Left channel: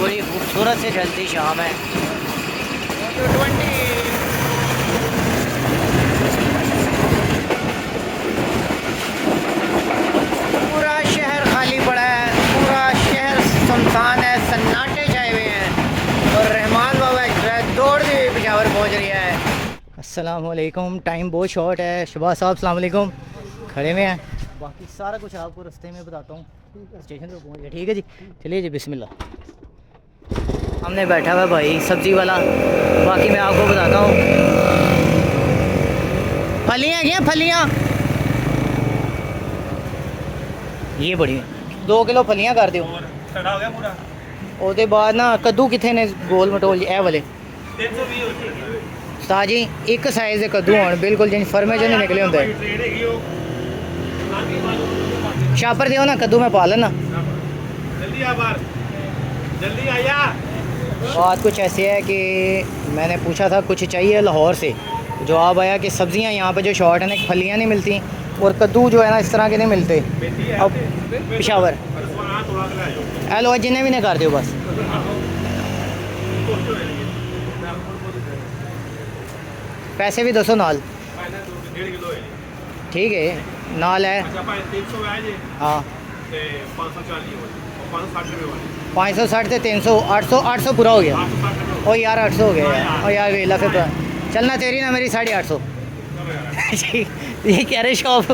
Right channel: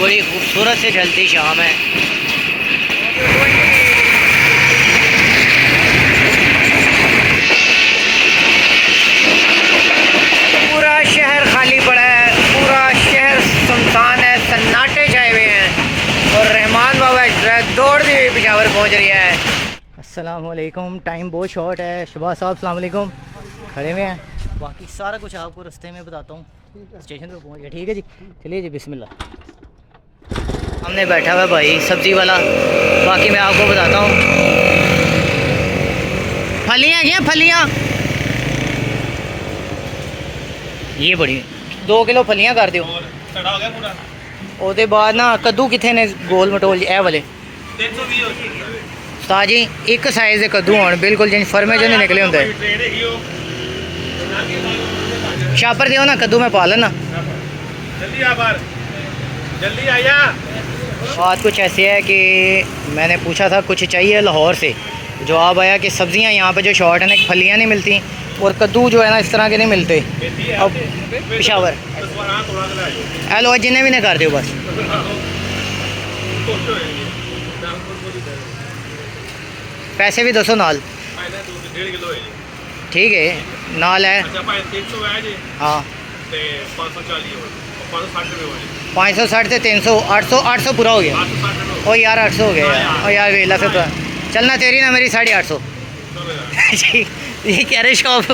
बड़ी खूबसूरत से ढलती शाम है। पूरा शहर खाली पड़ा है, पूरा शहर सुनसान है, सन्नाटे छाए हुए हैं और रहमान बाबा एक्सप्रेस दौड़ती हुई पेशावर पहुंच रही है। अस्सलाम वालेकुम। टाइम बहुत शॉर्ट है। शहबाज साहब अस्सलाम वालेकुम, खड़े में हैं। बाकी सारा कुछ आपको रास्ते में बताता हूँ। स्टेशन पे पहुँच गया, ठीक है जी। चलिए जी, बिस्मिल्लाह। हमने बैठा हुआ भाई सब्ज़ी वाला। बाकी मैं आपको बताता हूँ, फलियाँ क्या फलियाँ, ये बड़ी 2 किलो फलियाँ कर दो। ਉਹਦੇ बाद ना कद्दू कितने ने गोल मटोल ए वाले ताजी एक साइज़ के कद्दू होने बिल्कुल जिन फर्मे जो नहीं निकले होंगे। शापर दियो ना कद्दू में पा लेना। जल्दी आया। बात कुछ ऐसी है कि मैंने पूछा था कुछ चाहिए लाहौर से, जवाब आया कि सब्ज़ियां यहाँ पे जो शॉर्ट है ना, फलियाँ नहीं मिलती और कद्दू जो है ना इस तरह के नहीं मिलते। अब पेशावर हेलो जिन्हें भी नहीं कर दो बस। पैसे भी 200 नाल, ठीक है नाल है। हाँ 560 से 300 800 पूरा हो गया। ओ यार 800 हो गया यार। ओ यार वेला से तो चलना तेरी ना मेरी 850। ये कह रहे शॉप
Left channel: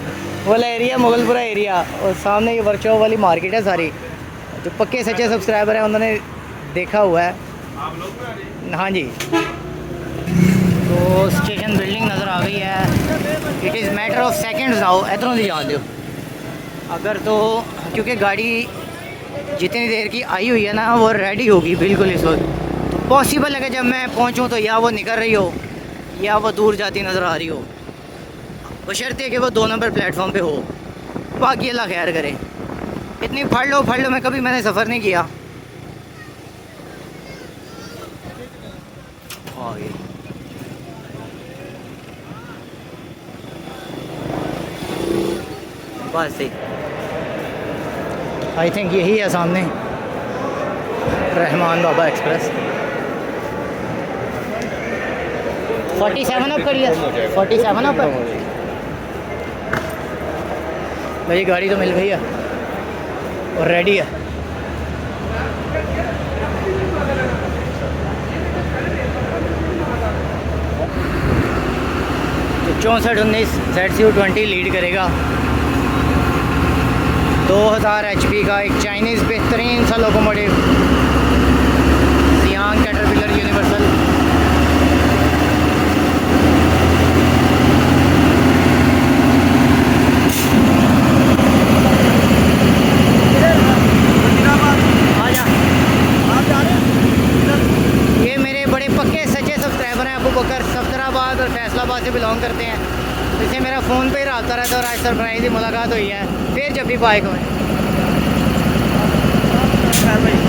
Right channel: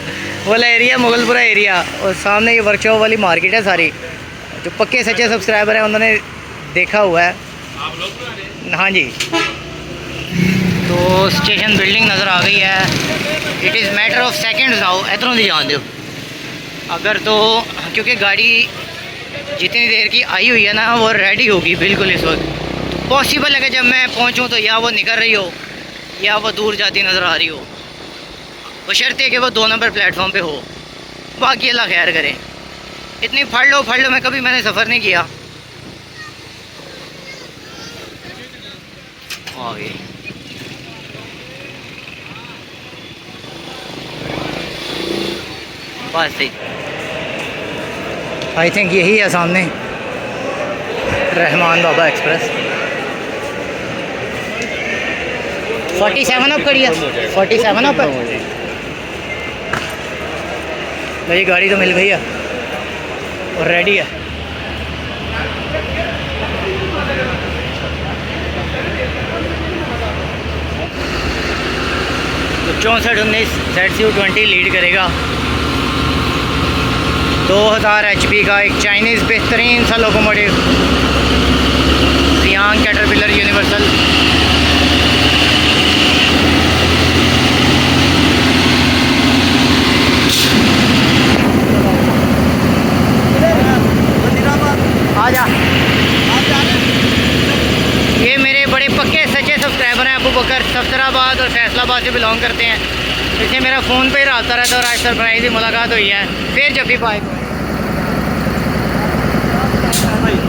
वाला एरिया मुगलपुरा एरिया और सामने ये वर्कशॉप वाली मार्केट है सारी। जो पक्के सच्चे सब्सक्राइबर हैं उन्होंने देखा हुआ है। हाँ जी। तो स्टेशन बिल्डिंग नज़र आ गई है। It is matter of seconds now इधरों नहीं जान दो अगर तो, क्योंकि गाड़ी जितनी देर की आई हुई है ना वो रेडी होगी बिल्कुल इस वक्त। तो पॉसिबल है कि जब मैं पहुंचूं तो या वो निकल रही हो या वो दूर जाती नज़र आ रही हो, बशर्ते कि वो 2 नंबर प्लेटफॉर्म पे हो। बाकी अल्लाह खैर करे। इतनी फड़ लो मैं कभी मैंने सफ़र नहीं किया। आगे बस सही, आई थिंक यही है सामने रहमान बाबा एक्सप्रेस। 47 अप करिए, 47 अप है मेरी गाड़ी तो मिल गई है और रेडी है। तो 6419 ZCU20 लीड करेगा। 2000 HP का एक चाइनीज़ बेहतरीन सा लोकोमोटिव सियांग कैटरपिलर यूनिवर्सल। आजा ये मेरे बड़े पक्के सच्चे सब्सक्राइबर हैं। अबू बकर सफदराबाद और फैसलाबाद से बिलोंग करते हैं। इससे मेरा फ़ोन पे ही रहा रहता और आज सरप्राइज ही मुलाकात हुई है। फिर जब भी पाएगा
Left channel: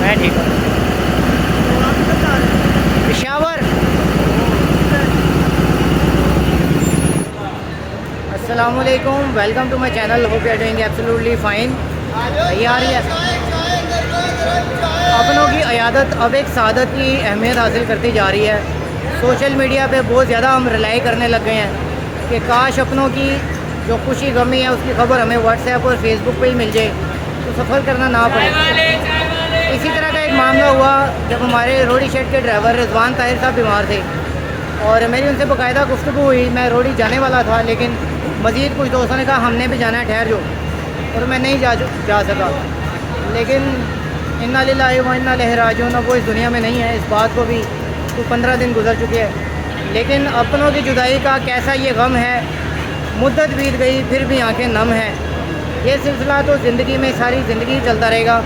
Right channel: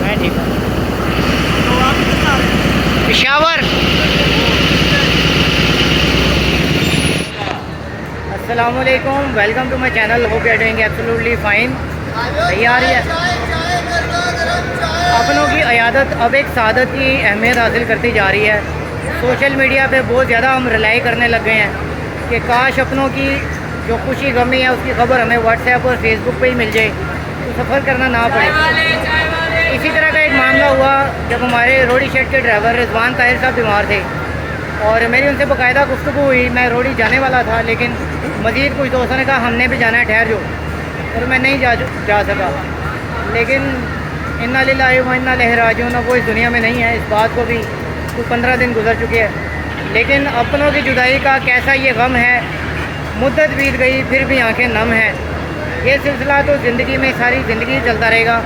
मैं ठीक हूँ। तो आप किधर जा रहे हैं? पेशावर। अस्सलाम वालेकुम, welcome to my channel. Hope you are doing absolutely fine. तैयार है अपनों की अयादत अब एक सादत की अहमियत हासिल करती जा रही है। सोशल मीडिया पे बहुत ज़्यादा हम रिलाई करने लग गए हैं कि काश अपनों की जो खुशी गमी है उसकी खबर हमें व्हाट्सएप और फेसबुक पे ही मिल जाए तो सफ़र करना ना पड़े। इसी तरह का एक मामला हुआ जब हमारे रोडी शेड के ड्राइवर रिजवान ताहिर साहब बीमार थे और मेरी उनसे बाकायदा गुफ्तगू हुई। मैं रोडी जाने वाला था लेकिन मज़ीद कुछ दोस्तों ने कहा हमने भी जाना है, ठहर जो, और मैं नहीं जा सका। लेकिन इन्ना लिल्लाहि व इन्ना इलैहि राजिऊन, वो इस दुनिया में नहीं है। इस बात को भी कुछ 15 दिन गुजर चुके हैं। लेकिन अपनों की जुदाई का कैसा ये गम है, मुद्दत बीत गई फिर भी आंखें नम हैं। ये सिलसिला तो ज़िंदगी में सारी ज़िंदगी चलता रहेगा,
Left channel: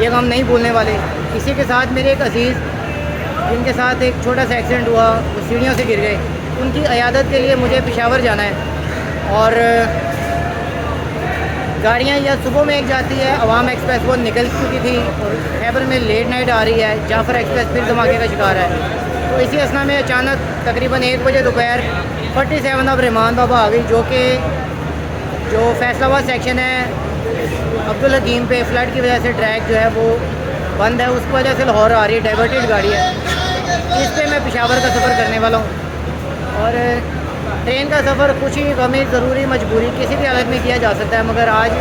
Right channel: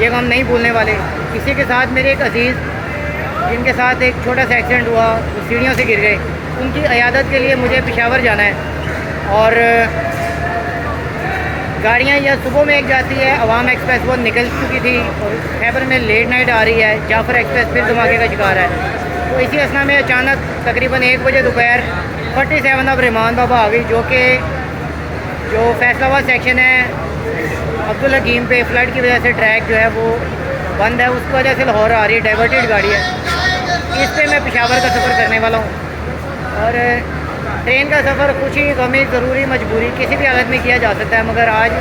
ये गम नहीं भूलने वाले। इसी के साथ मेरे एक अजीज़ जिनके साथ एक छोटा सा एक्सीडेंट हुआ, वो सीढ़ियों से गिर गए, उनकी अयादत के लिए मुझे पेशावर जाना है। और गाड़ियाँ या सुबह में एक जाती है अवाम एक्सप्रेस, वो निकल चुकी थी और खैबर में लेट नाइट आ रही है। जाफर एक्सप्रेस फिर धमाके का शिकार है। तो इसी असना में अचानक तकरीबन 1 बजे दोपहर 47 अब रहमान बाबा आ गई, जो फैसलाबाद सेक्शन है अब्दुल हकीम पे फ्लड की वजह से ट्रैक जो है वो बंद है, उसकी वजह से लाहौर आ रही है, डाइवर्टेड गाड़ी है। इस पे मैं पेशावर का सफ़र करने वाला हूँ। और ट्रेन का सफ़र खुशी गमी ज़रूरी मजबूरी किसी भी हालत में किया जा सकता है, मगर आज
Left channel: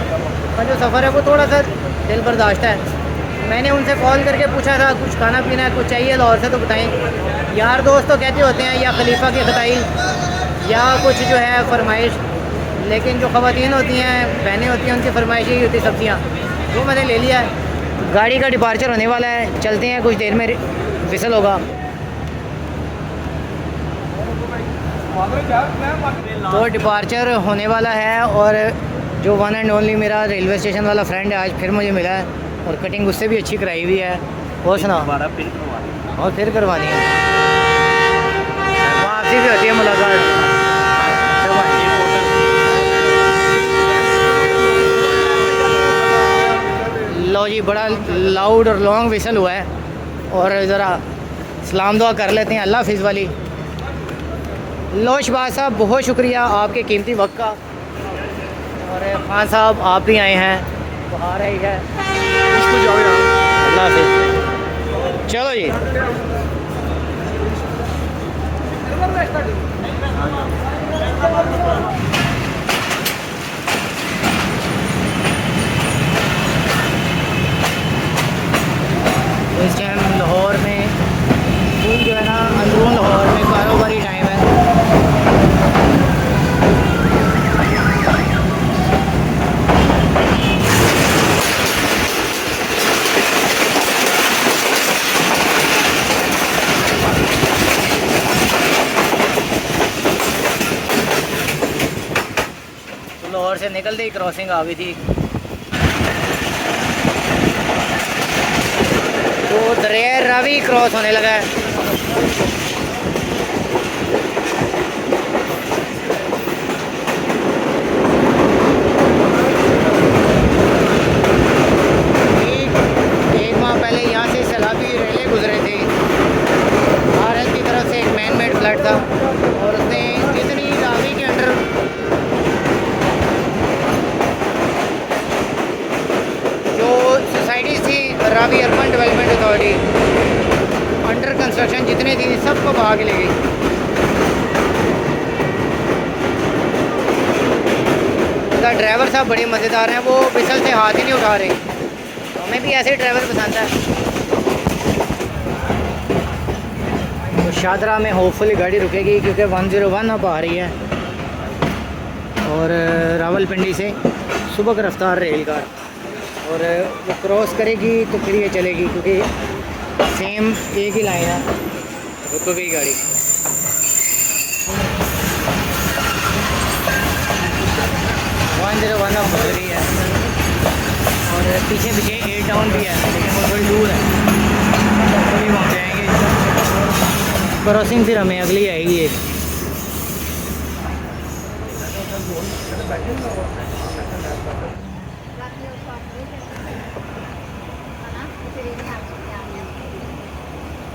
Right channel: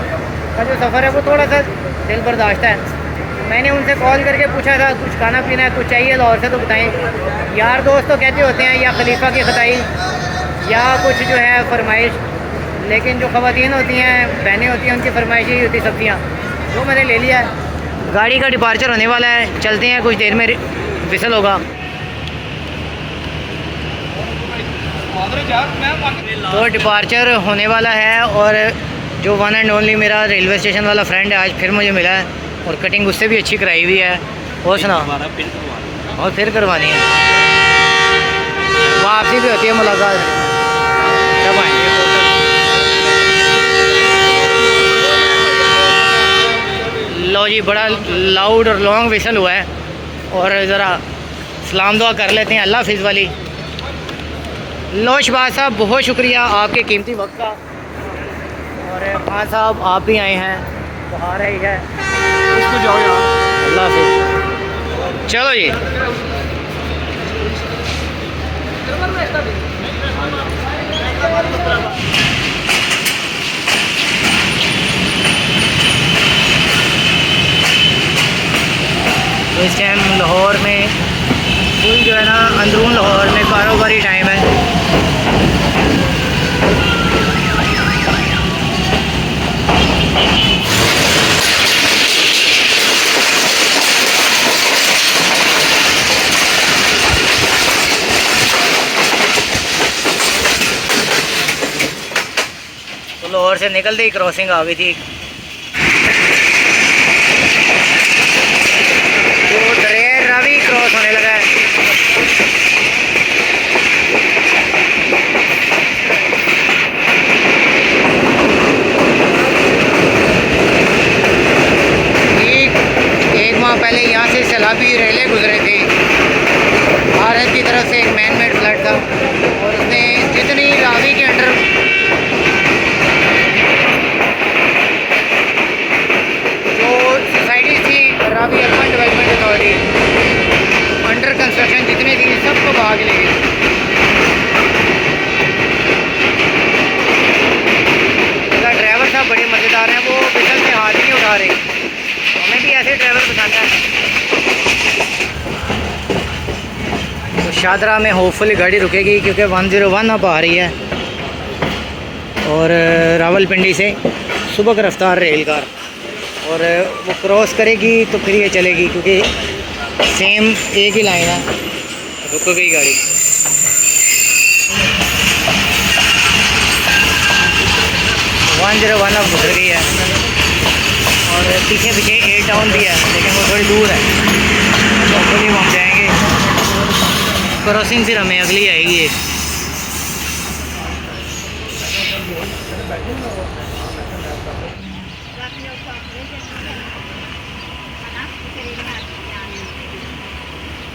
का जो सफ़र है वो थोड़ा सा दिल बर्दाश्त है। मैंने उनसे कॉल करके पूछा था कुछ खाना पीना है, कुछ चाहिए लाहौर से तो बताएं। यार दोस्त तो कहते होते हैं या खलीफा की खताई या कुछ जो है फरमाइश, लेकिन जो ख़वातीन होती हैं, बहनें होती हैं, उनकी फरमाइश ही होती सब्ज़ियाँ। वो मैंने ले लिया। गाड़ी का डिपार्चर होने वाला है, चलते हैं, कुछ देर में विसल होगा। तो डिपार्चर होने वाला है और जो वन एंड ओनली मेरा रेलवे स्टेशन वाला फ्रेंड है आज फिर मुझे मिला है, और कटिंग उससे भी अच्छी कराई हुई है। और सुना और फिर करवानी है, वापसी भी होती है मुलाकात। सब आएंगे। लो जी, बड़ा लाउड और लॉन्ग विसल हुआ है, और ज़रा सलाम दुआ कर लेते हैं अल्लाह हाफिज़ वाली। लो शहबाज साहब, बहुत शुक्रिया आपके कीमती वक्त का। और खान साहब आप भी आए हैं, बाहर ही है। अल्लाह हाफिज़। चलो जी, तो इस टाइम लाहौर में फुल जो है ना, अंदरून लाहौर में कारोबारी टाइम है। तो लाहौर से निकलते ही क्रॉसिंग आ गई थी, तो दरिया रावी क्रॉस होने लगा है। एक माह पहले यहाँ से सैलाबी रेलें गुजरे थे। भारत की तरफ से एक मैन मेड फ्लड था, और उसने जितनी रावी के अंडर जो सोसाइटीज़ थी, Ravi urban development authority under construction जितनी थी, सबको बहा के ले गई। इसका ड्राइवर साहब बड़े मज़ेदार हैं, वो बिसल से हाथ ही नहीं उठा रहे। हमें भी ऐसे ड्राइवर पसंद है। तो शादरा में होपफुली गाड़ी रुकेगी, क्योंकि 101 अब आ रही है, और रावलपिंडी से सुबह की रफ्तार रेल कार, और वो क्रॉस करेगी तो फिर ये चलेगी, क्योंकि सेम एक ही लाइन है। रुक गई गाड़ी। वन अब गुजर गई है, और पीछे पीछे ए टाउन भी है, लेकिन वो थोड़ी दूर है, तो वहाँ जाएंगे। क्रॉसिंग फिर हमें अगली आएगी एक।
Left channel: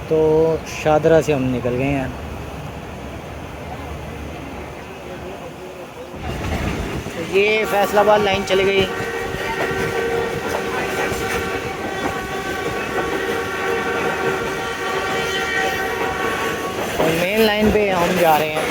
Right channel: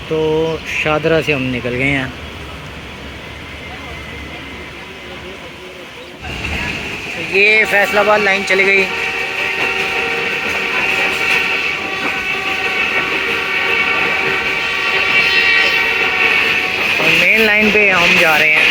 तो शादरा से हम निकल गए हैं। तो ये फैसलाबाद लाइन चली गई। और मेन लाइन पे हम जा रहे हैं।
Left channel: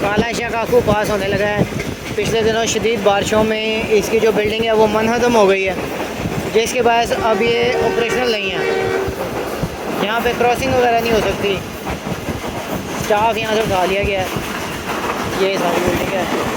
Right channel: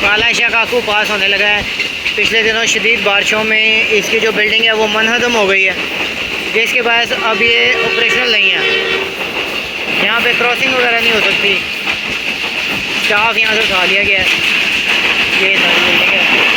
काला शाह काकू पास होने लगा है। पिछले दिनों शदीद बारिशों में इसकी जो बिल्डिंग है वो मनहदम हो गई है, जिसके बाद अब ये ऑपरेशनल नहीं है। यहाँ पे क्रॉसिंग वगैरह नहीं हो सकती। स्टाफ यहाँ से उठा लिया गया है। ये सारी बिल्डिंग है।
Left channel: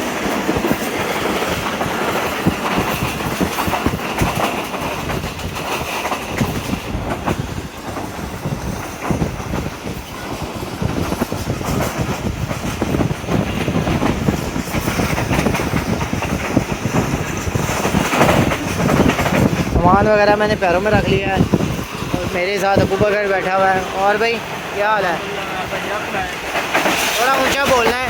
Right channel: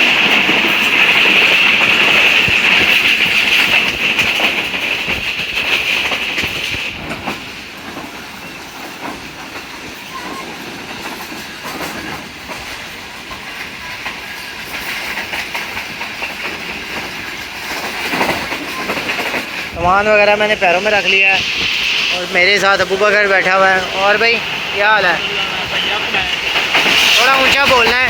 सामान वगैरह मैंने पैरों में रख लिया है, और मेरे साथ अबू बकर बैठा हुआ है। और भाई क्या हाल है? थोड़ा ऊंचा बोलना है।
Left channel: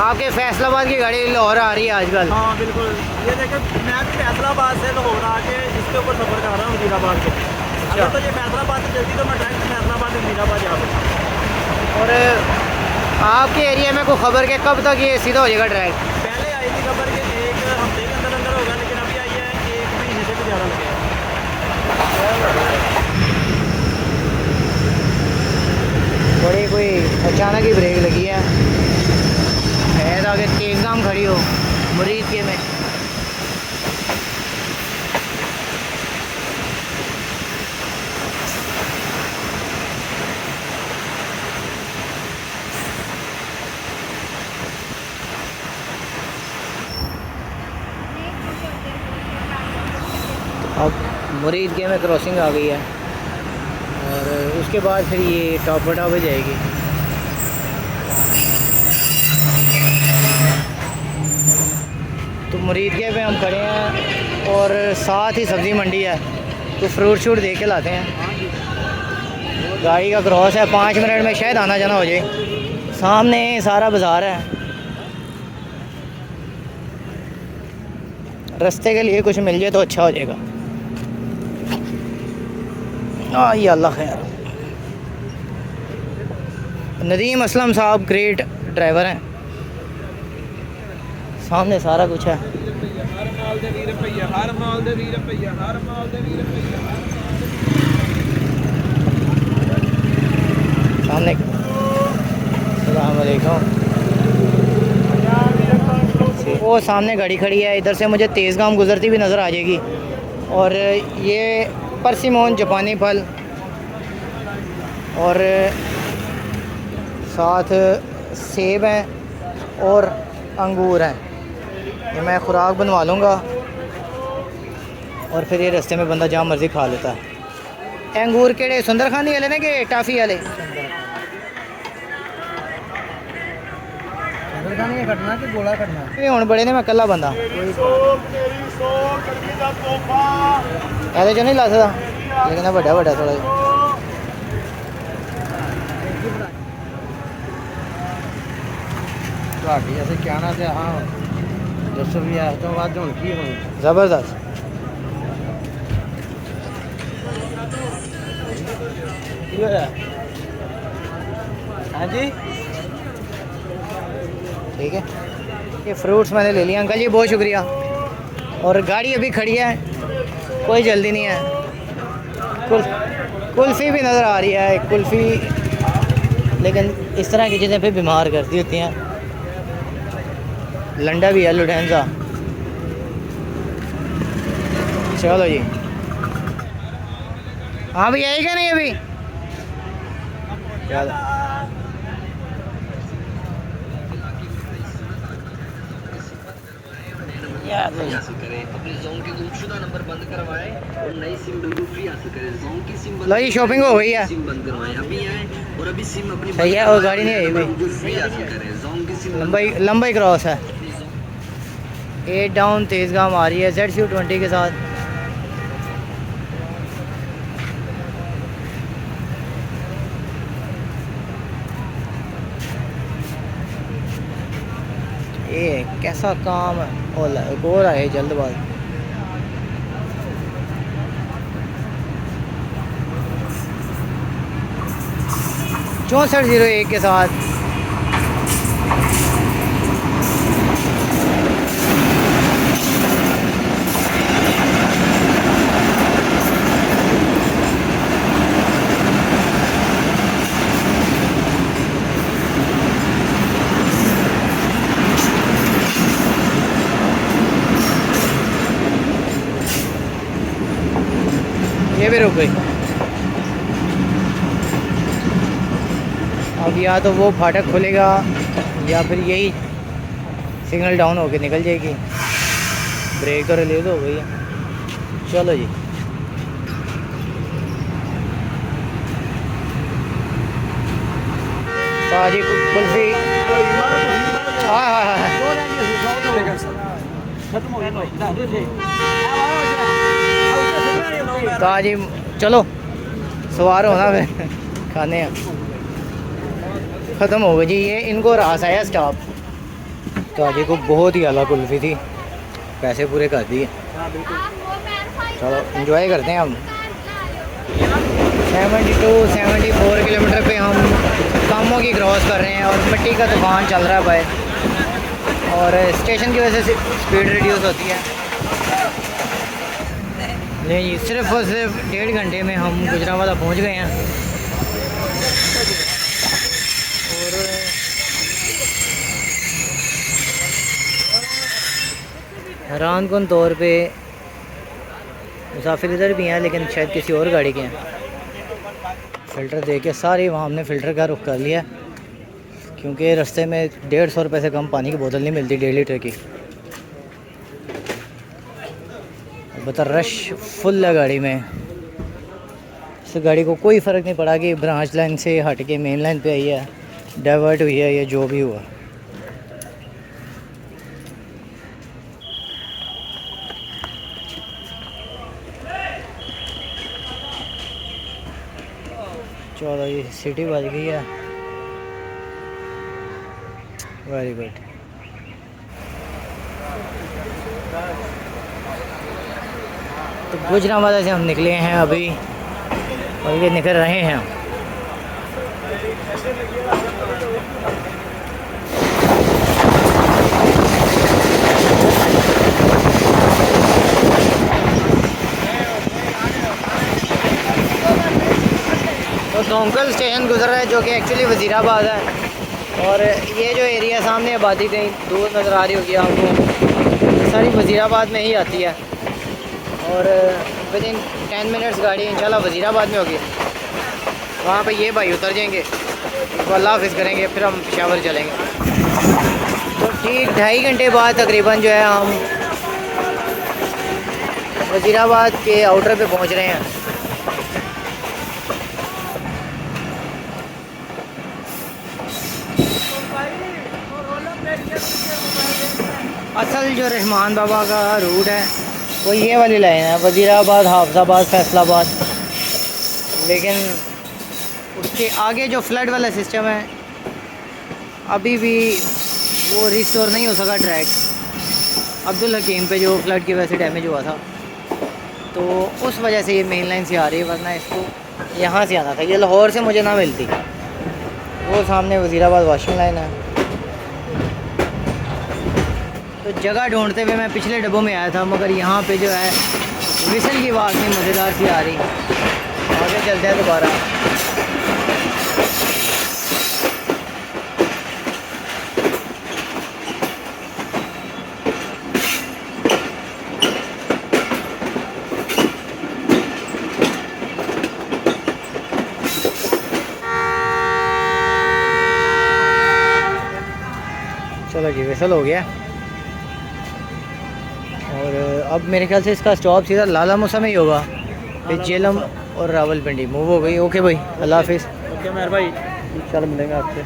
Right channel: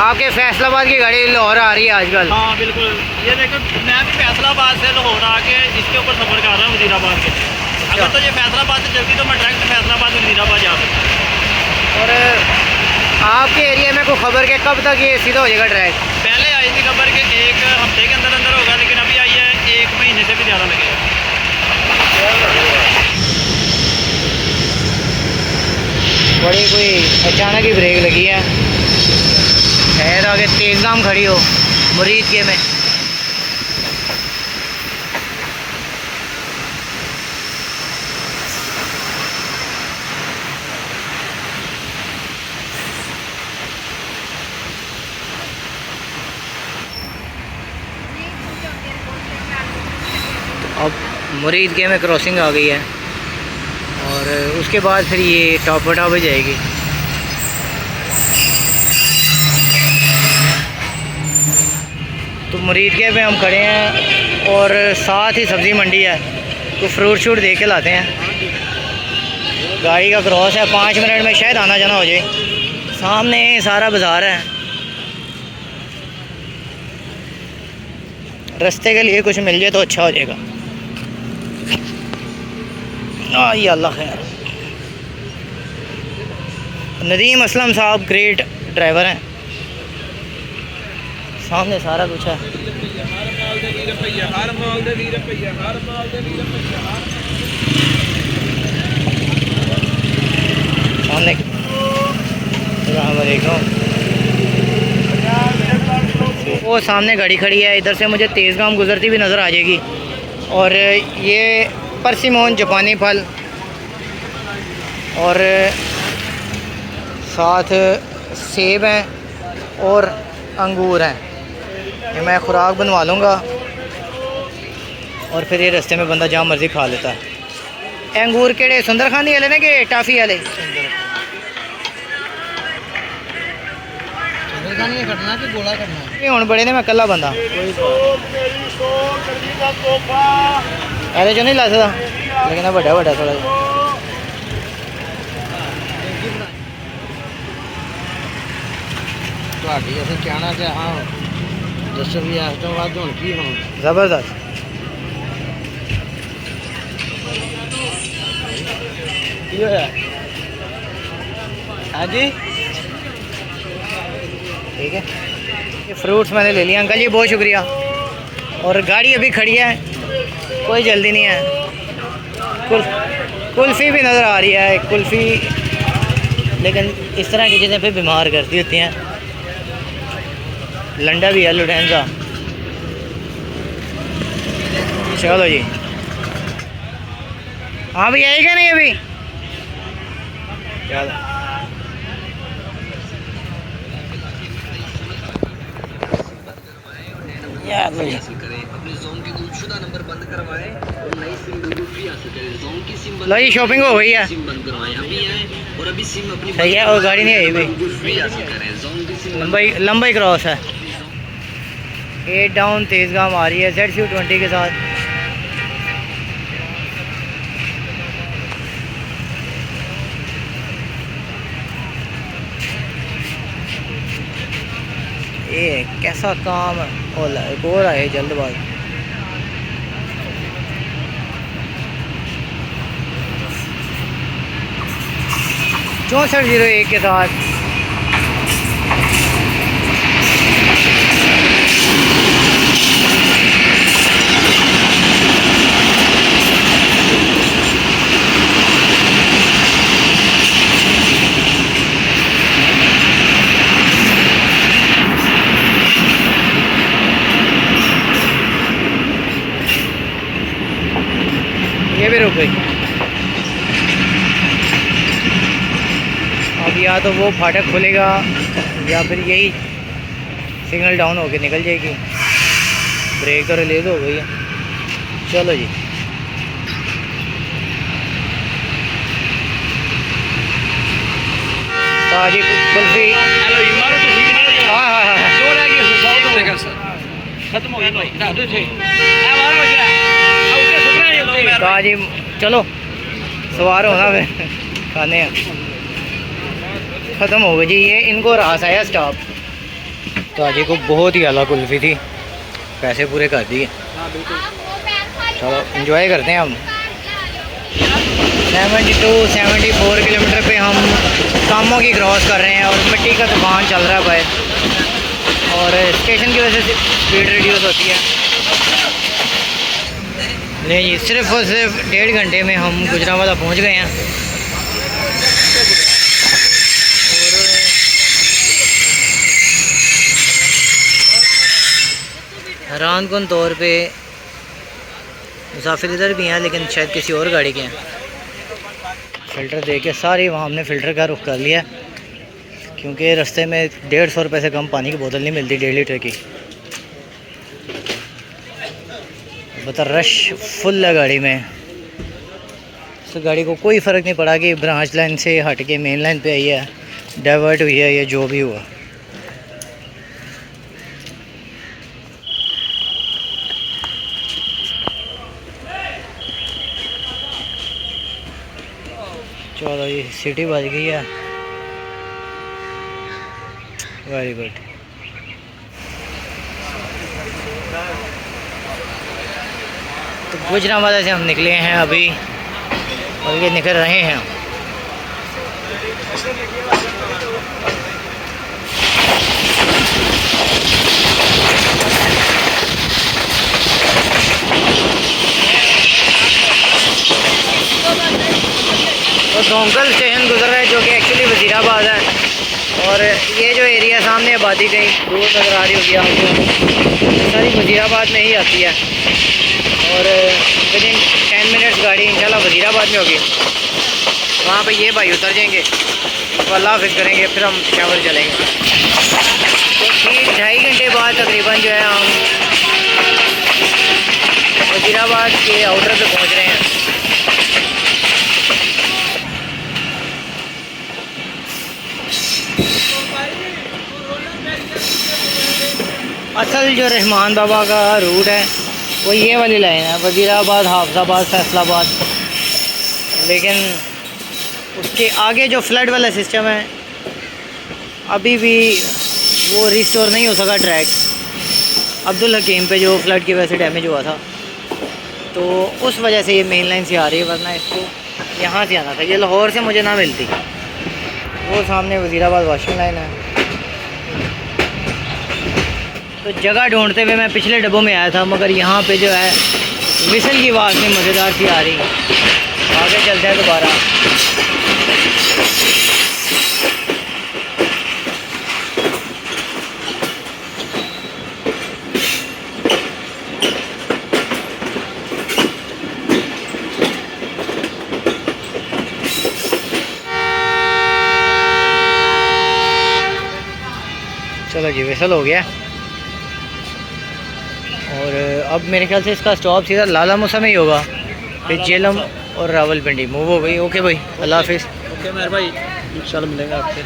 आपके फैसलाबाद की गाड़ी लाहौर आ रही है आजकल। हाँ बिल्कुल, ये देखो मैं भी फैसलाबाद से लाहौर आके इसके ऊपर सफ़र कर रहा हूँ वजीराबाद के लिए। अगर तो ये फैसलाबाद से चलती तो मैं डायरेक्ट फैसलाबाद से वजीराबाद जा सकता। और आपके एरिया में कोई खबर के कब तक ये सीधा हो जाएगा ट्रैक? पहले आई थी खबर कि 1 हफ्ते के अंदर अंदर होगा, लेकिन अभी आई है 1 महीने से भी ज़्यादा लगेगा। बड़ी कोई अचानक ही ब्रेक लगी है, शायद आगे तेज़गाम खड़ी हो मुरीद के में। अब मुरीद के में क्रॉसिंग आ गई है और उसके बाद फिर ये टॉप पे जाएगी। तो मुरीद के में हम खड़े हैं और साथ ही सब्ज़ी मंडी है, तो फ्रूट शूट दे के लाते हैं। गाड़ी का क्रॉस है, 5 मिनट में शायद आना जाना हो जाए। सामने सारा बाज़ार है, रास्ते के लिए कुछ मिल जाए तो अच्छा हो जाएगा। ये अल्लाह खैर। नदीम असलम साहब ग्रेट ड्राइवर हैं, सामने सारा कुछ है। सामने अस्सलाम वालेकुम। वो सामने गाड़ी खड़ी है, इधर से मुझे तेज़गाम गुजरती भी नज़र आ जाएगी। और ये परसिमोन जापानी फल और साथ सेब हैं और अंगूर हैं। ये मैं खुराक बनवा लूँगा और फिर ये रास्ते में बंदा जहाँ मर्ज़ी खा लेता है। अंगूर केड़े सुंदरखानी वाले ने कि टाफ़ी वाले? सुंदरखानी कटना कि गोला कटना? ये हुण बड़े ने, मैं कल्ला बंदा ऐसे जो नहीं ला सकता, लेकिन बड़ा बड़ा थोड़ा जिहा। ਤੁਹਾਡੀ ਅਸੀਂ ਕਹਿਣਾ ਤੇ ਹਾਂ ਦੱਸੋ ਵੀ ਇਸ ਤੋਂ ਬਾਅਦ ਹੁਣ ਕੀ ਹੋਣਾ? ज़बरदस्त। ਕੀ ਹੋਇਆ? ਹਾਂਜੀ ठीक है, ये फ्रूट्स मैंने ले लिया। अंकल जी बहुत शुक्रिया। और गाड़ी अभी खड़ी है, कोई जल्दी नहीं है। कुल्फ़ी भी नज़र आ रही है, कुल्फ़ी, लेकिन इस तरह की चीज़ें फिर बीमार करती होती हैं। लंडा भी है, लुटेंजा। चलो जी, हाँ भैया आएगा नहीं अभी? चलो लो जी, शॉपिंग हो गई है, सही है। और गाड़ी नहीं आई भी, लंबाई क्रॉस है। 8 डाउन तेज़गाम आ रही है ZCU20 के साथ। ये कैसा काम होला, एक और आए जल्दबाज। चौंसठ 01 के साथ ये भी रुक गई। अब या तो वो फाटक खुलेगा या फिर यही सिग्नल डाउन होके निकल जाएगी। ब्रेक तो रिलीज हो गई है। चलो जी, ताजी कुल्फी। हाँ हाँ हाँ खत्म हो गया। ताजी। चलो सवार होना फिर खाने हैं। ख़त्म हो गई जी। ये इनको रास आया स्टॉप। तो आज को बहुत ही आला कुल्फ़ी थी, पैसे पूरे कर दिए। चलो इंजॉय करते हैं हम। 72-74 किलोमीटर पे हम कामों की क्रॉस कर रहे हैं और मिट्टी का तूफान चल रहा है बाहर, और स्टेशन की वजह से स्पीड रिड्यूस होती है। नहीं जी, सिर्फ और सिर्फ 1.5 घंटे में हम गुजरांवाला पहुंच गए हैं। और हैरानकुन तौर पे मुसाफिर इधर भी हैं, लेकिन शायद किसी और गाड़ी के हैं। फ़िल्टर दे के सारी वहाँ हमने फ़िल्टर का रुख कर लिया, क्योंकि रास्ते में 150 रुपये से कम पानी की बोतल नहीं मिलती 1.5 लीटर की। बता रश फुल है गाड़ी में। इस गाड़ी को कोई फ़र्क नहीं पड़ा कि ब्रांच लाइन से हट के मेन लाइन पे आई है, डाइवर्ट हुई है, या जो भी हुआ। चलो ये सिटी बज गई है, वेरी गुड। तो गुजरांवाला से हम निकले हैं अभी, और ये निकल रहे हैं। तो डोंकल स्टेशन गुजर रहा है, जो कि एक्चुअली वज़ीराबाद है। और ये जो एरिया सामने आबादी कहीं दूर नज़र आ रही होगी आपको, ये सारी वज़ीराबाद में ही आती है। और विदिन 10 मिनट्स गाड़ी इंशाल्लाह वज़ीराबाद में होगी। वहाँ पे ये भाई उतर जाएंगे, तो अल्लाह हाफ़िज़ करेंगे, फिर हम पेशावर चलेंगे। तो ठीक 2.5 घंटे बाद तकरीबन जो है हम वज़ीराबाद के आउटर पे पहुँच रहे हैं। असल जो रहमान बाबा का रूट है वो ये वाली लाइन है, वज़ीराबाद, हाफिज़ाबाद, फैसलाबाद। लेकिन उसके आगे जो फ्लड वाला सिस्टम है अभी भी वो रिस्टोर नहीं हो सका ट्रैक। अब्दुल हकीम पे जो फ्लड की वजह से डैमेज हुआ था, तो उस वजह से ये मेन लाइन से आ रही है, वरना इसको यहाँ से आना था। ये लाहौर से मुझे ना मिलती। वो सामने वज़ीराबाद वॉशिंग लाइन है। तो जगह ढूंढते हुए मैं पिछले डब्बों में आया था, मगर यहाँ पे जो है विसल की आवाज़ में मज़ेदार सी आ रही। आगे चलते हैं दोबारा। चलो जी, विसल हो गया। और अब मेरे ख्याल से इसका स्टॉप सीधा लाला मूसा में ही होगा, फिर जेलम और रावलपिंडी मूव हो गई। ओके भाई, अल्लाह हाफिज़। ओके मेहर भाई, इंशाल्लाह मिलेंगे आपके।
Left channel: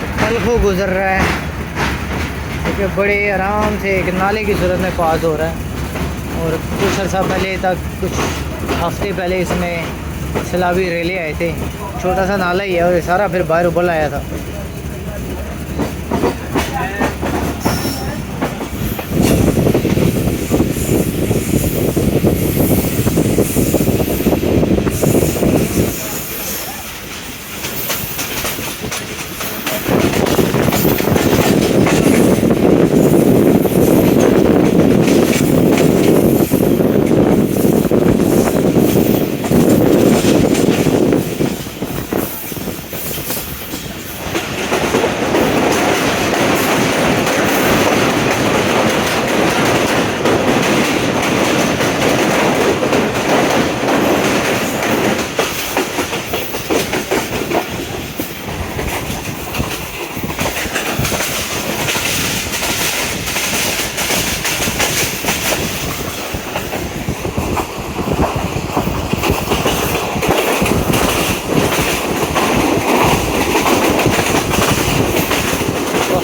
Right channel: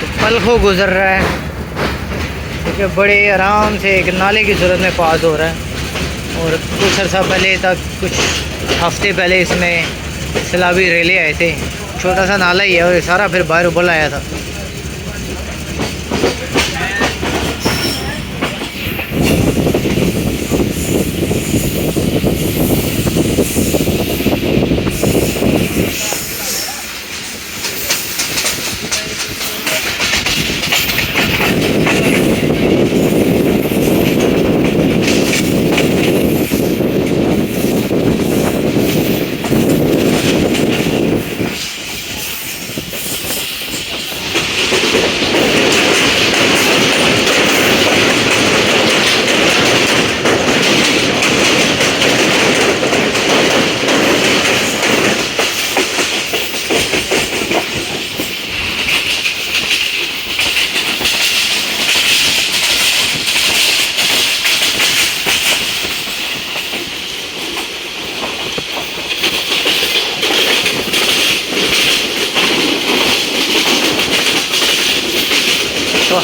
तो पलखों गुजर रहा है, क्योंकि बड़े आराम से एक नाले की सूरत में पास हो रहा है। और कुछ अर्सा पहले तक, कुछ हफ्ते पहले इसमें सैलाबी रेले आए थे। छोटा सा नाला ही है, और ये सारा फिर बाहर उबल आया था।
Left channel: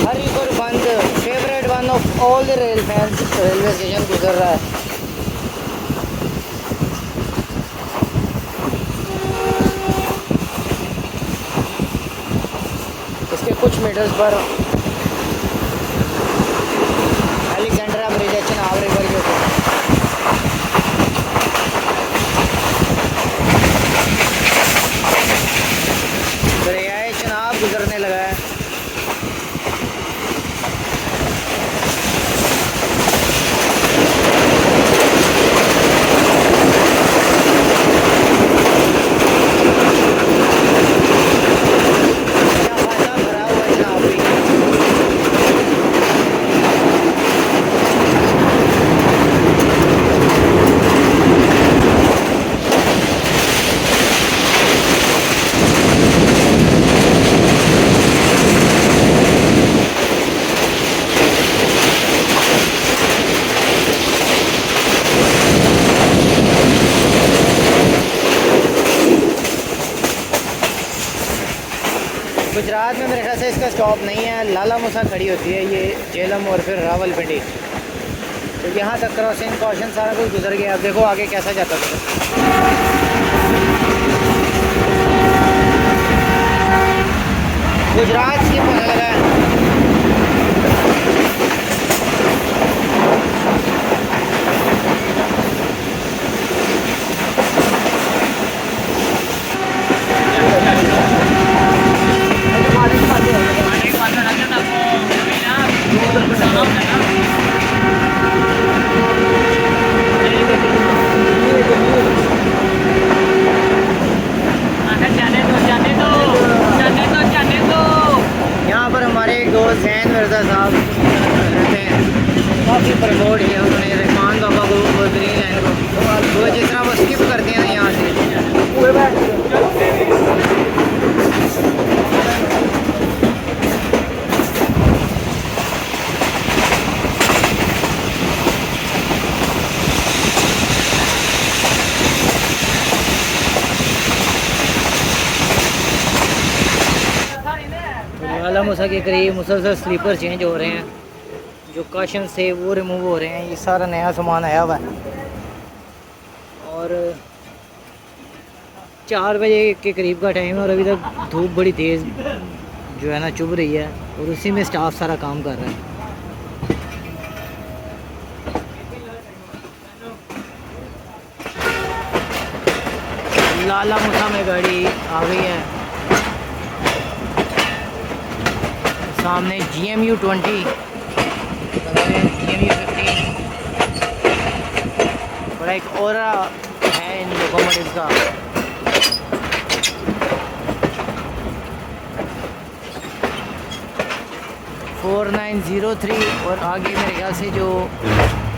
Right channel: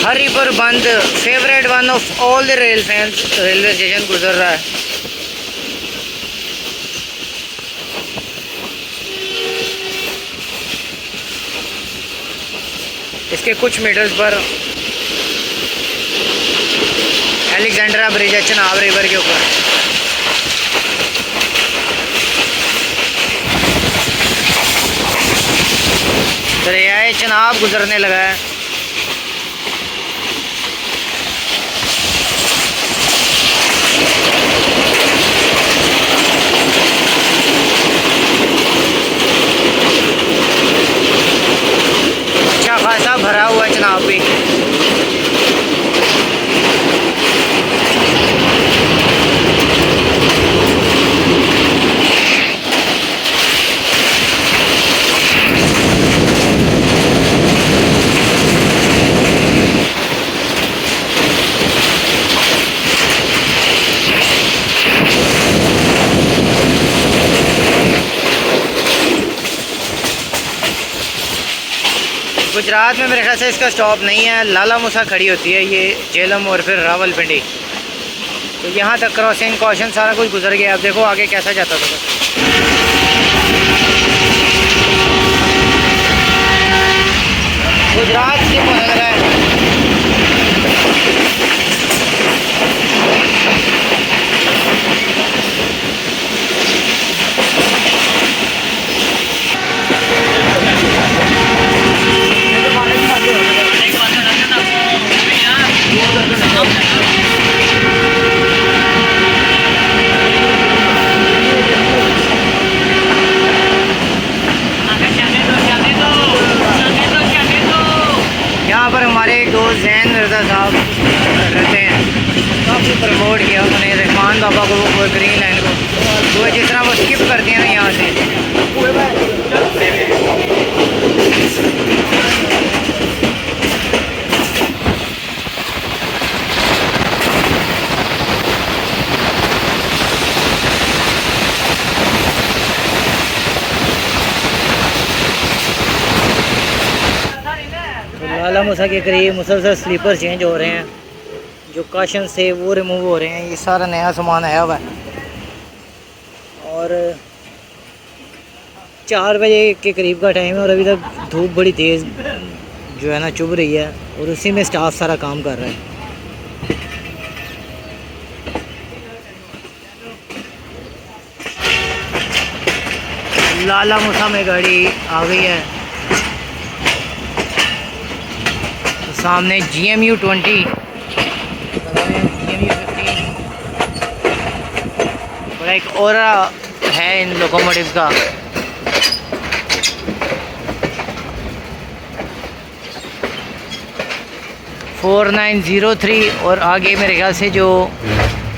हरीपुर बंद, favourite one of all the rail fans, railway station गुजर रहा है। उसके कुछ मीटर्स पर अलेक्जेंड्रा ब्रिज है चनाब रिवर के ऊपर। दरियाए चनाब गुजरने लगा है। अच्छा खासा भरा हुआ है चनाब भी। गुजरात में मेरे ख्याल से इसका स्टॉप नहीं है, लाला मूसा खड़ी होती है ये झेलम और फिर रावलपिंडी। तो यहाँ तक क्रॉसिंग कॉशन सारा कुछ गुजर गया। अब देखो आगे कैसा जाता था। गुजरात स्किप होने लगा है। यहाँ पर हमारे एक दोस्त जैन मिर्ज़ा साहब रहते हैं, काफ़ी प्रमोट किया उन्होंने रहमान बाबा को और ग्रीन लाइन को। वो जिस तरह वो स्किप करते हैं ना यहाँ से। लाला मूसा के करीब मुसलसल स्लीपर चेंज हो रहे हैं, जो काशन से वो रिमूव हो रहे हैं। ये सारा नया सामान आया हुआ है और 4 बजे के करीब का टाइम है और अभी तक धूप बड़ी तेज़ जो है ना चुभ रही है और उसी में स्टाफ सारा काम कर रहा है। लाला मूसा में गाड़ी आ गई है। सामने GMU 20, GMU 15 बड़ा एक और है इन लोकोमोटिव्स का। (4903) और आगे मेरे ख्याल से जो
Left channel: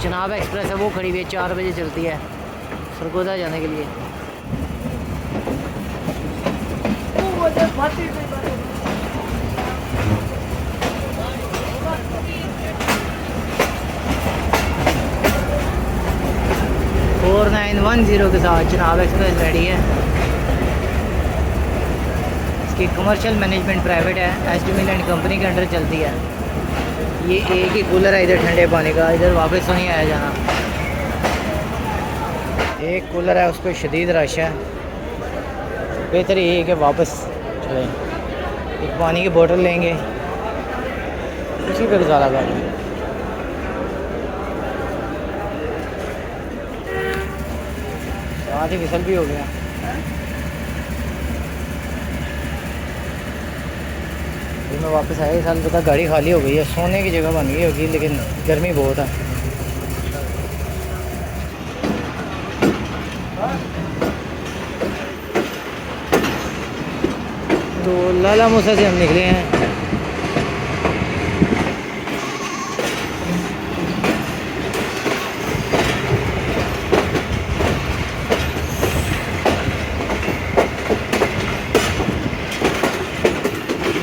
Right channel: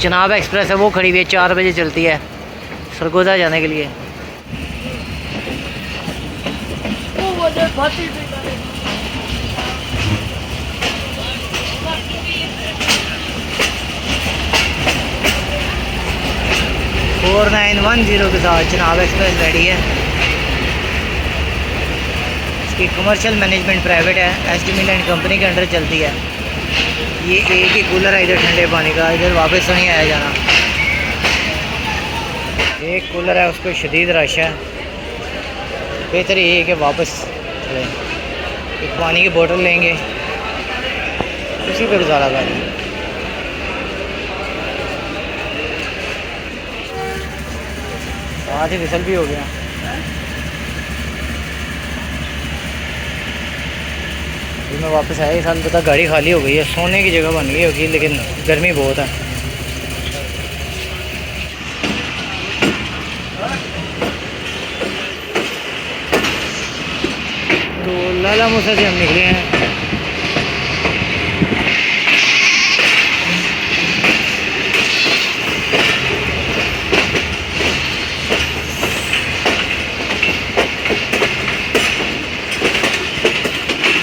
चनाब एक्सप्रेस है वो खड़ी हुई है, 4 बजे चलती है सरगोदा जाने के लिए। (4910) के साथ चनाब एक्सप्रेस रेडी है। इसकी कमर्शियल मैनेजमेंट प्राइवेट है, SD मिल एंड कंपनी के अंडर चलती है। ये एक ही कूलर है इधर ठंडे पानी का, इधर वापस तो नहीं आया जाना। एक कूलर है उस पर शदीद रश है, बेहतर ये है कि वापस चलें। एक पानी की बोतल लेंगे, उसी पर गुजारा कर दें। साथ ही विसल भी हो गया। फिर मैं वापस आया, साल पता गाड़ी खाली हो गई है, सोने की जगह बन गई होगी, लेकिन गर्मी बहुत है। तो लाला मूसा से हम निकले हैं।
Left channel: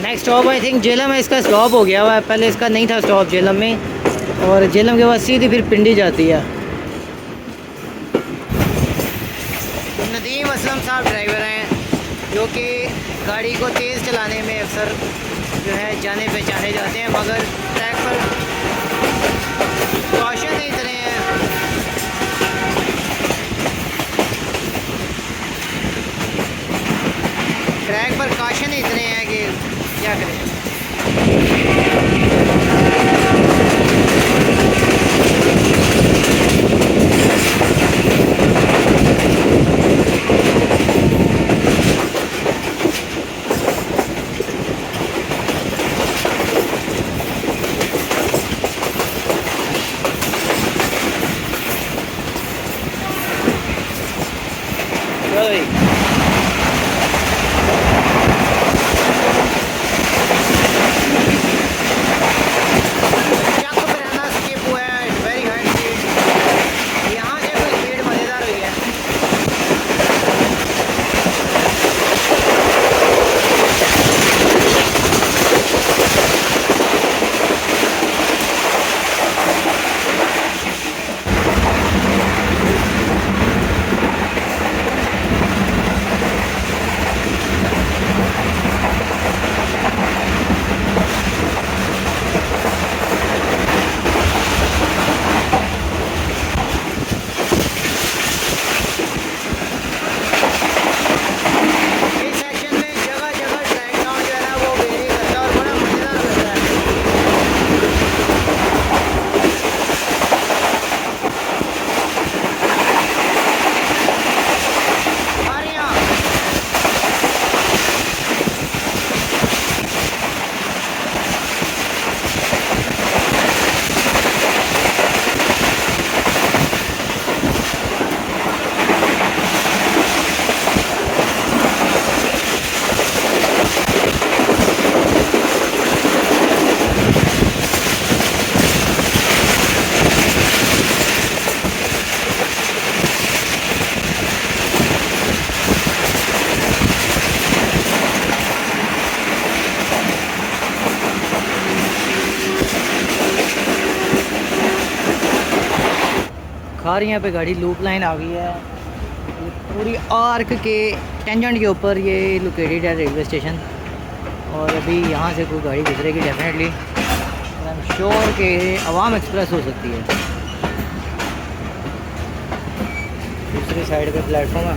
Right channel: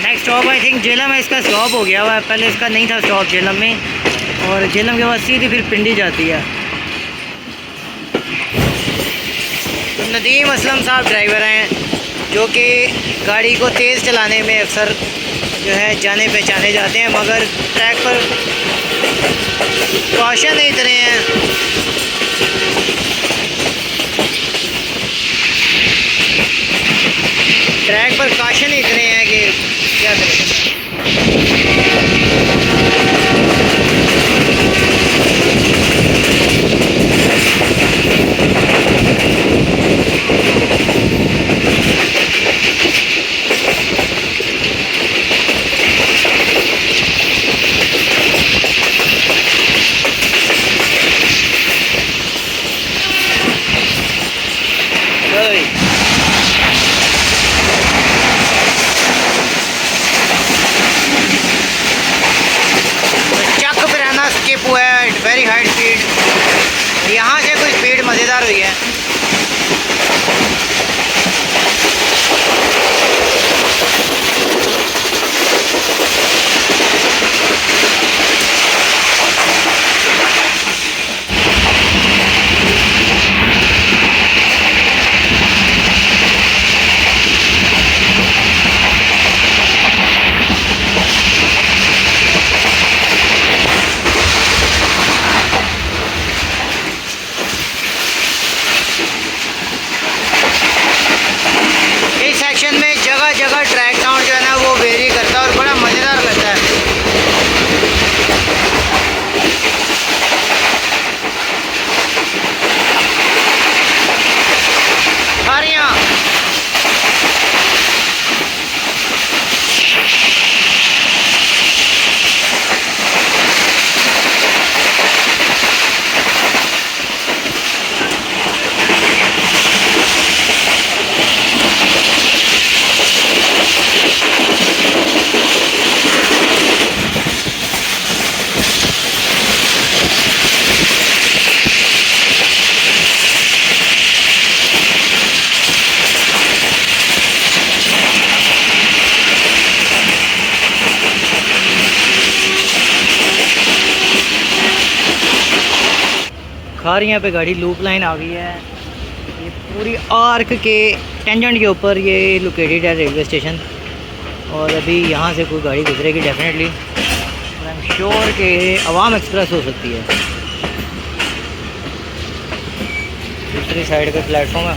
Next stop I think Jhelum है, इसका स्टॉप हो गया हुआ है, पहले इसका नहीं था स्टॉप झेलम में, और झेलम के बाद सीधी फिर पिंडी जाती है। तो नदीम असलम साहब ड्राइवर हैं जो कि गाड़ी को तेज़ चलाने में अक्सर जो है जाने पहचाने जाते हैं, मगर ट्रैक पर कॉशन नहीं इतने हैं। ट्रैक पर कॉशन इतने हैं कि क्या करें। चक फिराना स्किप हुआ है, वेरी हाई स्पीड। यहाँ से कोई स्पीड मज़ेदार हुई है। इस सेक्शन में जगह जगह ट्रैक साउंड जो है ना वो वेरी करता है और बड़ा मज़ेदार लगता है। खारियाँ खारियाँ पे गाड़ी लूप लाइन आ गई है। ये पूरी आर्क के टेंजेंट के ऊपर ये लोकेटेड है रेलवे स्टेशन, और अभी यहाँ से कोई गाड़ी गुजरेगी डेफिनेटली, और आई एम श्योर कि अवाम एक्सप्रेस हो सकती है। दूसरी साइड का प्लेटफॉर्म है।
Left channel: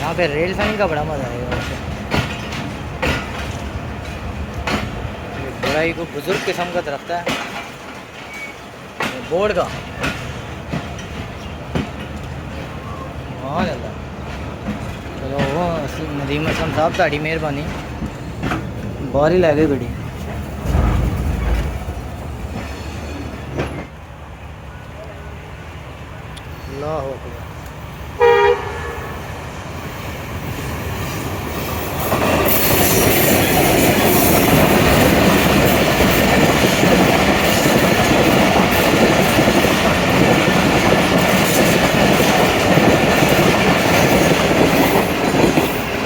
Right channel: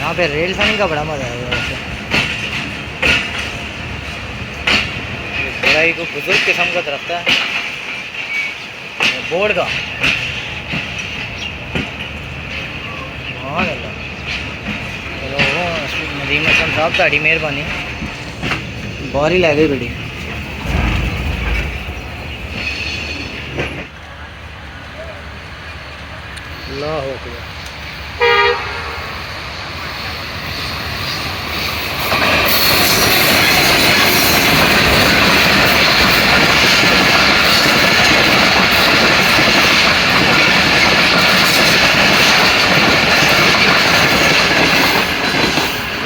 यहाँ पे रेल फैनिंग का बड़ा मज़ा आएगा वैसे। बड़ा ही को बुजुर्ग किस्म का दरख्त है बोर्ड का। हाँ चलो नदीम असलम साहब ताड़ी मेहरबानी, बाहर ही लै गई गड्डी। अल्लाह अकबर।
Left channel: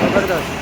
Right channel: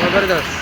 ज़बरदस्त।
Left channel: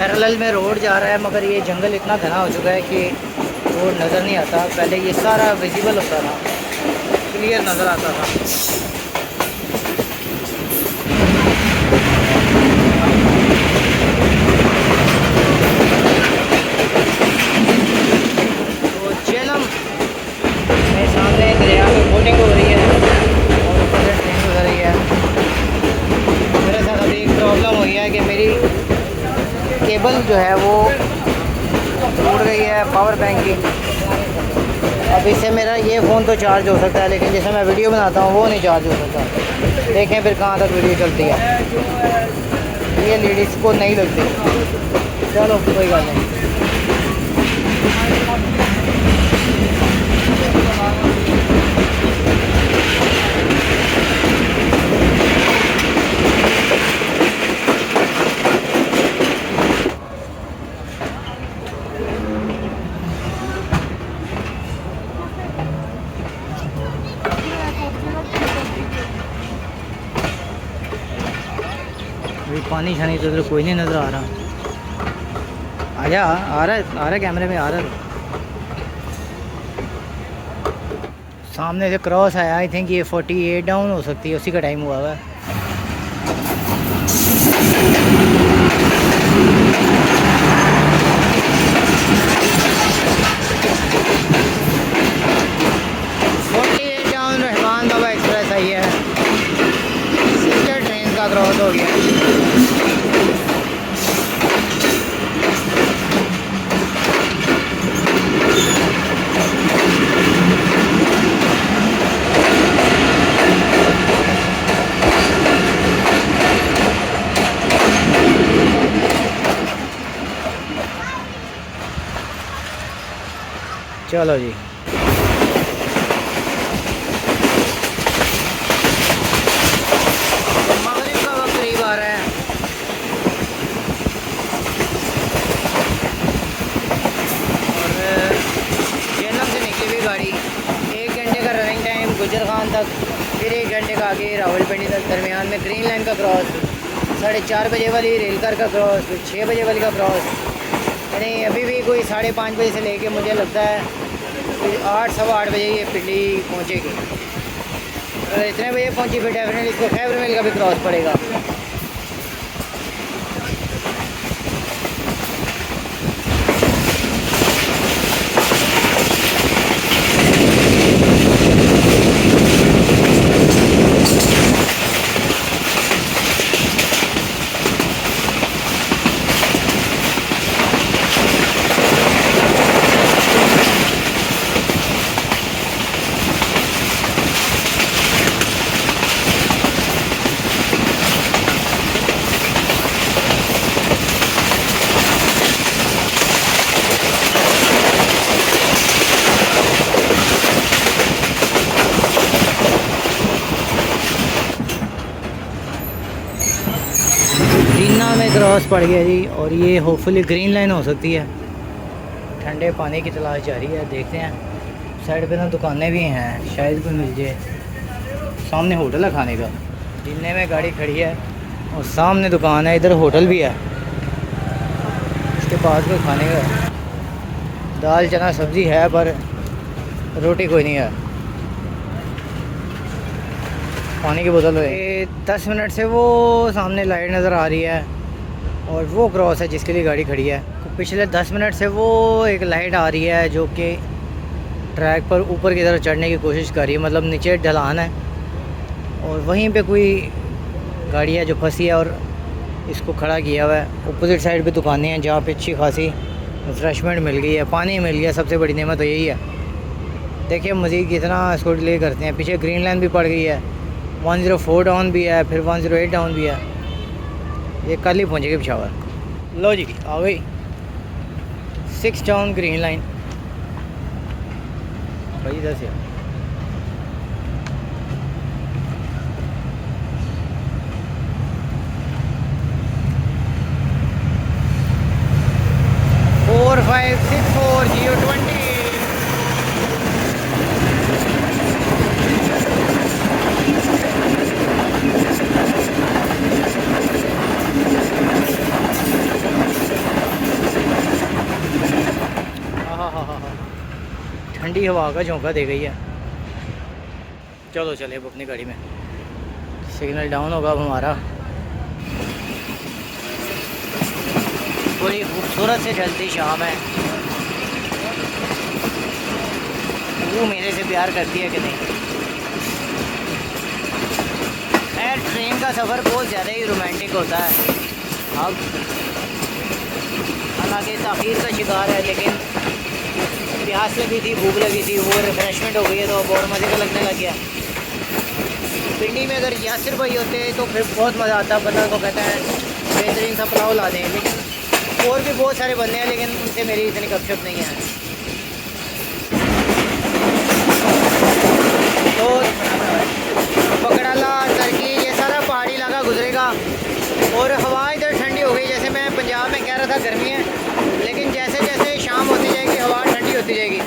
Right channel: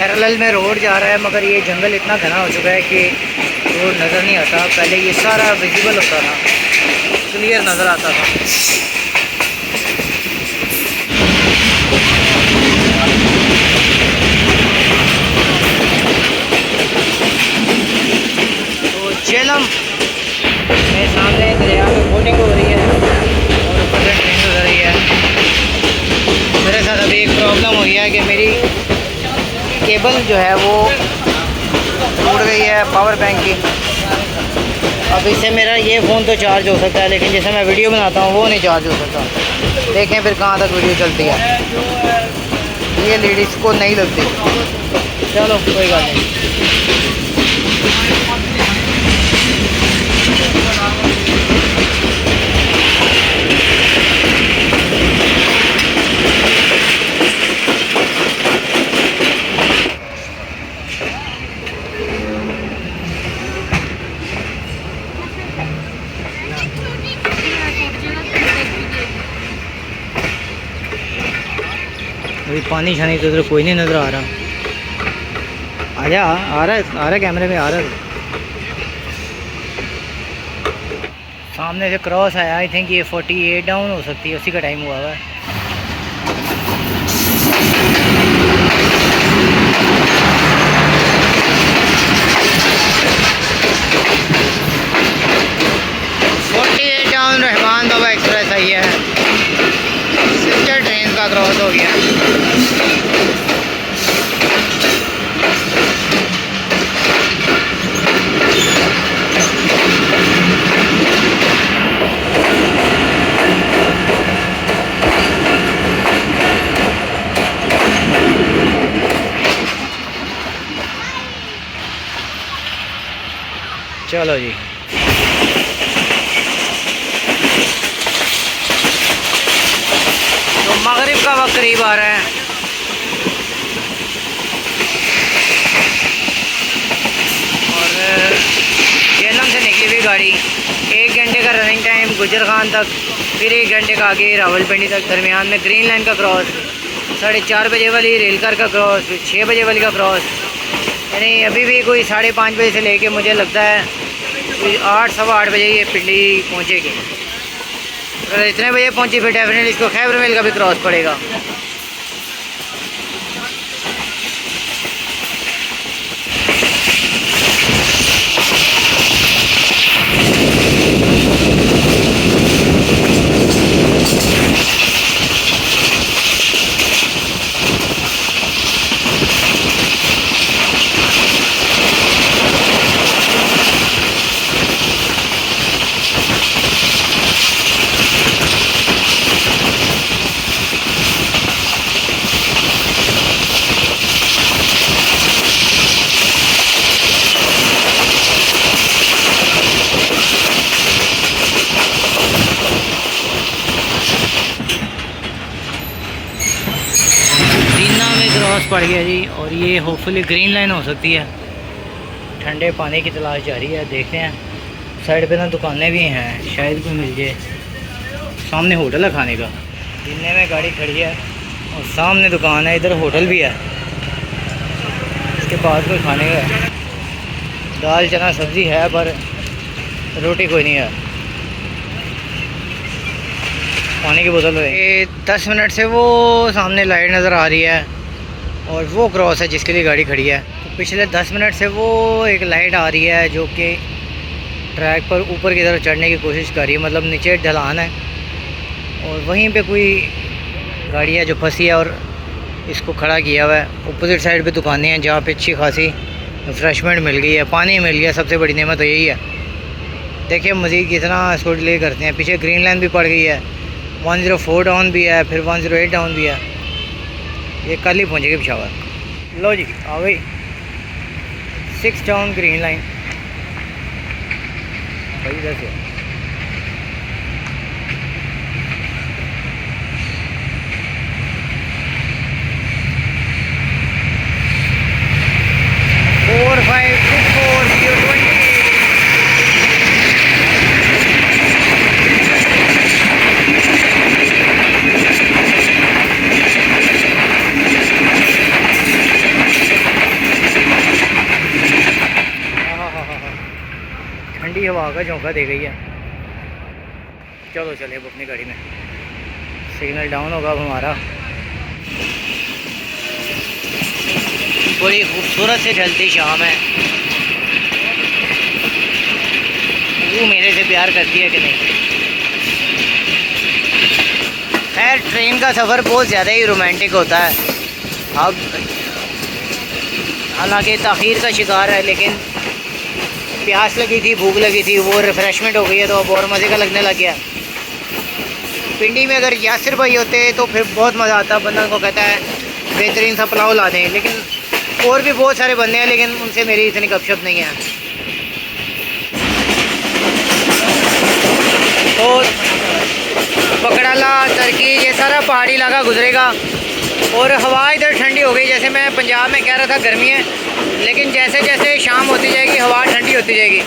पैरेलल में रोड जा रहा है, मगर ये जंगल इतना घना हो चुका है कि रोड नज़र नहीं आता। पहले ये सारा विजिबल होता था, क्लियर नज़र आता था। तो झेलम में सामने दरिया में बोटिंग हो रही है और ऊपर से ट्रेन गुजर रही है। मेरे साथ अभी एक प्रॉब्लम हुई है कि मेरी केबल जो है वो टूट गई है पावर बैंक की। अब इससे मेरा ये फ़ोन तो चार्ज हो सकता है, लेकिन जैसे मैं वीडियो बनाता हूँ वो नहीं चार्ज हो सकता। देखें फिर कहाँ तक वीडियो चलती है। ये लेडीज़ को नहीं लगती। चलो कोई बात नहीं। अभी पानी छानी तो इधर कोई नहीं नज़र आ रहा। आजा, आ रहा है कैमरे में, आ रहा है। सामने से क्रॉस आया। आई थिंक ये 48 डाउन हो सकती है, उसी का टाइम हुआ हुआ है। रहमान बाबा एक्सप्रेस आई है। सिस्टर ट्रेन का क्रॉस हो गया। चलो जी, तो मगरिब का वक्त करीब आ रहा है और जहन्नम से निकली हुई गाड़ी 1 घंटे का रनिंग टाइम गुजर खान तक, फिर 1 घंटे का आगे रावलपिंडी तक, दरमियान में ग्रीन लाइन का क्रॉस, 4:30 बजे वाली रेलकर का क्रॉस, फिर 6 बजे वाली का क्रॉस। यानी अभी भी कोई 5:30 बजे से लेके मुझे लगता है कोई 8 सवा 8 बजे ये पिंडी पहुँचेगी। अगर इतने बजे पहुँची फिर डेफिनेटली इसको खैबर मिल का भी क्रॉस पड़ेगा। क्रॉस पड़ गया जी, और ये होपफुली ग्रीन लाइन हो सकती है। ठंडे पानी की तलाश जारी है, देखते हैं। साइड पे ना दुकानें भी हैं, शायद कोई मिल जाए। सामने होटल है खाने का, जिन्ने में गाड़ी खड़ी है और सामने दुकान है, इधर होटल भी है। इसके पास कोई खाने का दाल चना सब्ज़ी है पर रोटी कोई नहीं है। पानी की बोतल है। 10 मिनट से वो सामने लाइट नज़र आ रही है और वो क्रॉस है जिसके लिए गाड़ी खड़ी है। तो पिछले 10 मिनट से वो एक लाइट आ रही है जो कि ट्रैक पर ऊपर की तरफ चढ़ने की कोशिश कर रही है, मतलब नीचे ढलान है और वहीं पे कोई गाड़ी है जो फंसी है और इसको खड़ा किया हुआ है। अपोजिट साइड पे दुकानें हैं जहाँ पे अच्छी खासी रिफ्रेशमेंट मिल गई है, पानी मिल गया। सबसे बड़ी नेमत तो यही है। देखिए मज़ीद कितना इसको डिले करते हैं। पीछे ग्रीन लाइन भी पड़ गई है, 104 डाउन भी है, फिर 108 डाउन भी है। ये कल ही पहुँचेगी पिशावर। लो जी आ गई 6 डाउन ग्रीन लाइन भाई। इधर से 4564 ठंडी हवा का झोंका दे गई है। चलो चले अब अपनी गाड़ी में। सिग्नल डाउन होगा अब हमारा। बड़ी खूबसूरत से ढलती शाम है। वो मेरे से प्यार करती है कि नहीं। खैर ट्रेन का सफ़र बहुत ज़्यादा ही रोमांटिक होता है। अब हालांकि ताख़ीर का शिकार है, लेकिन प्यास लगी थी, भूख लगी थी, वो रिफ़्रेशमेंट हो गई है तो अब और मज़े का लगने लग गया। पिंडी में अगर यासिर भाई होते तो फिर बहुत मज़ा आता, बंदा को कहता है बेहतरीन सा पुलाव ला दें, लेकिन और भी बहुत सारे बंदे हैं लेकिन उनसे मेरी इतनी गपशप नहीं है। तो पकड़ाला, तरकी, ये सारा पहाड़ी इलाका गुजरेगा और हवा इधर ठंडी हो गई। जैसे मैं पंजाब में कह रहा था गर्मी है, लेकिन जैसे जैसे शाम होती जाएगी हवा ठंडी होती जाएगी।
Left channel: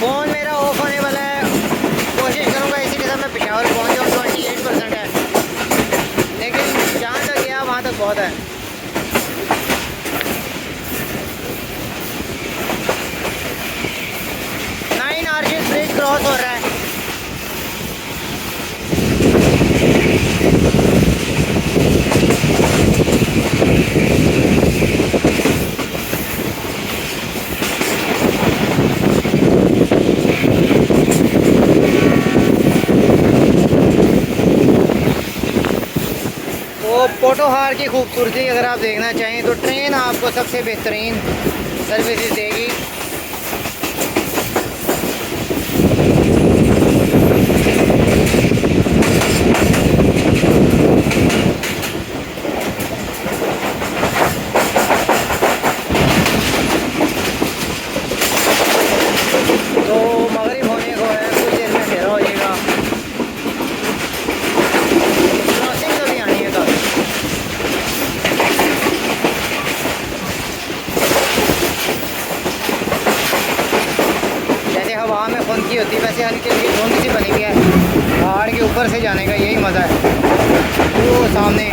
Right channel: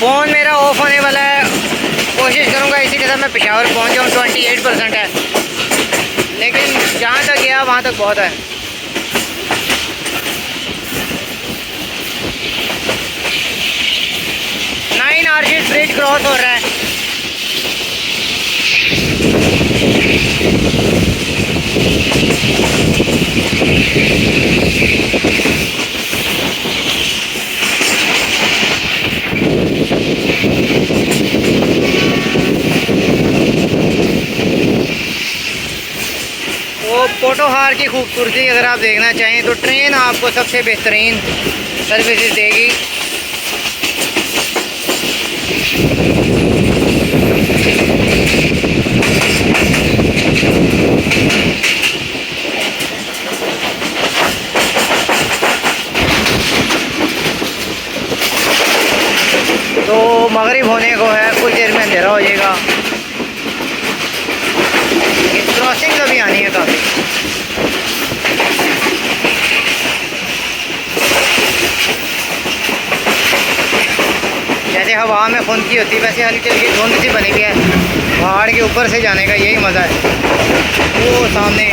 फ़ोन मेरा ऑफ होने वाला है, कोशिश करूँगा इसी के साथ मैं पेशावर पहुँच जाऊँ। 28% है, लेकिन जहाँ तक गया वहाँ तक बहुत है। आर्किड ब्रिज क्रॉस हो रहा है। तो पोटोहार की खूबसूरती अगर आप देखना चाहें तो ट्रेन आपको सबसे बेहतरीन सर्विसेज देगी। तो मगरिब होने को है, कुछ देर में अंधेरा हो जाएगा। क्रॉसिंग तो भी आनी है काफ़ी। जैसे हवा में खुंदकी होती है वैसे हल्की हल्की धुंध सी बनी हुई है। पहाड़ के ऊपर से जाने का यही मज़ा है। वो सामने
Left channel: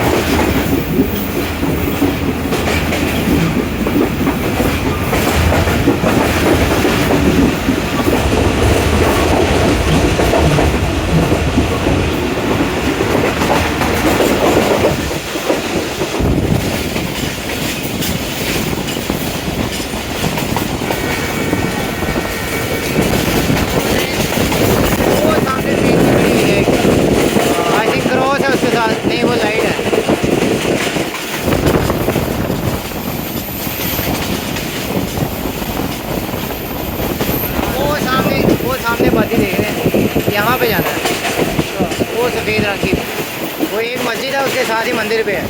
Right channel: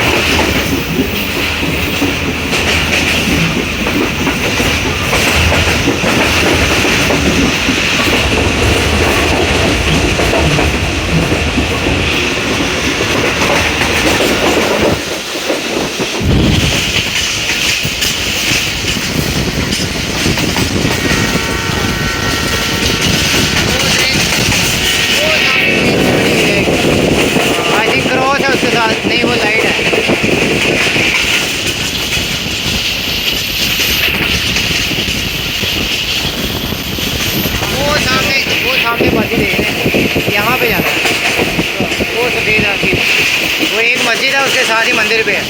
क्रॉस है उसके साथ, नहीं वो लाइट है। वो सामने बाजी देख रहे हैं, यहाँ पे जाना है। वो सफ़ेद रंग की वो एक मस्जिद है, उसके साथ ही मंदिर पे है।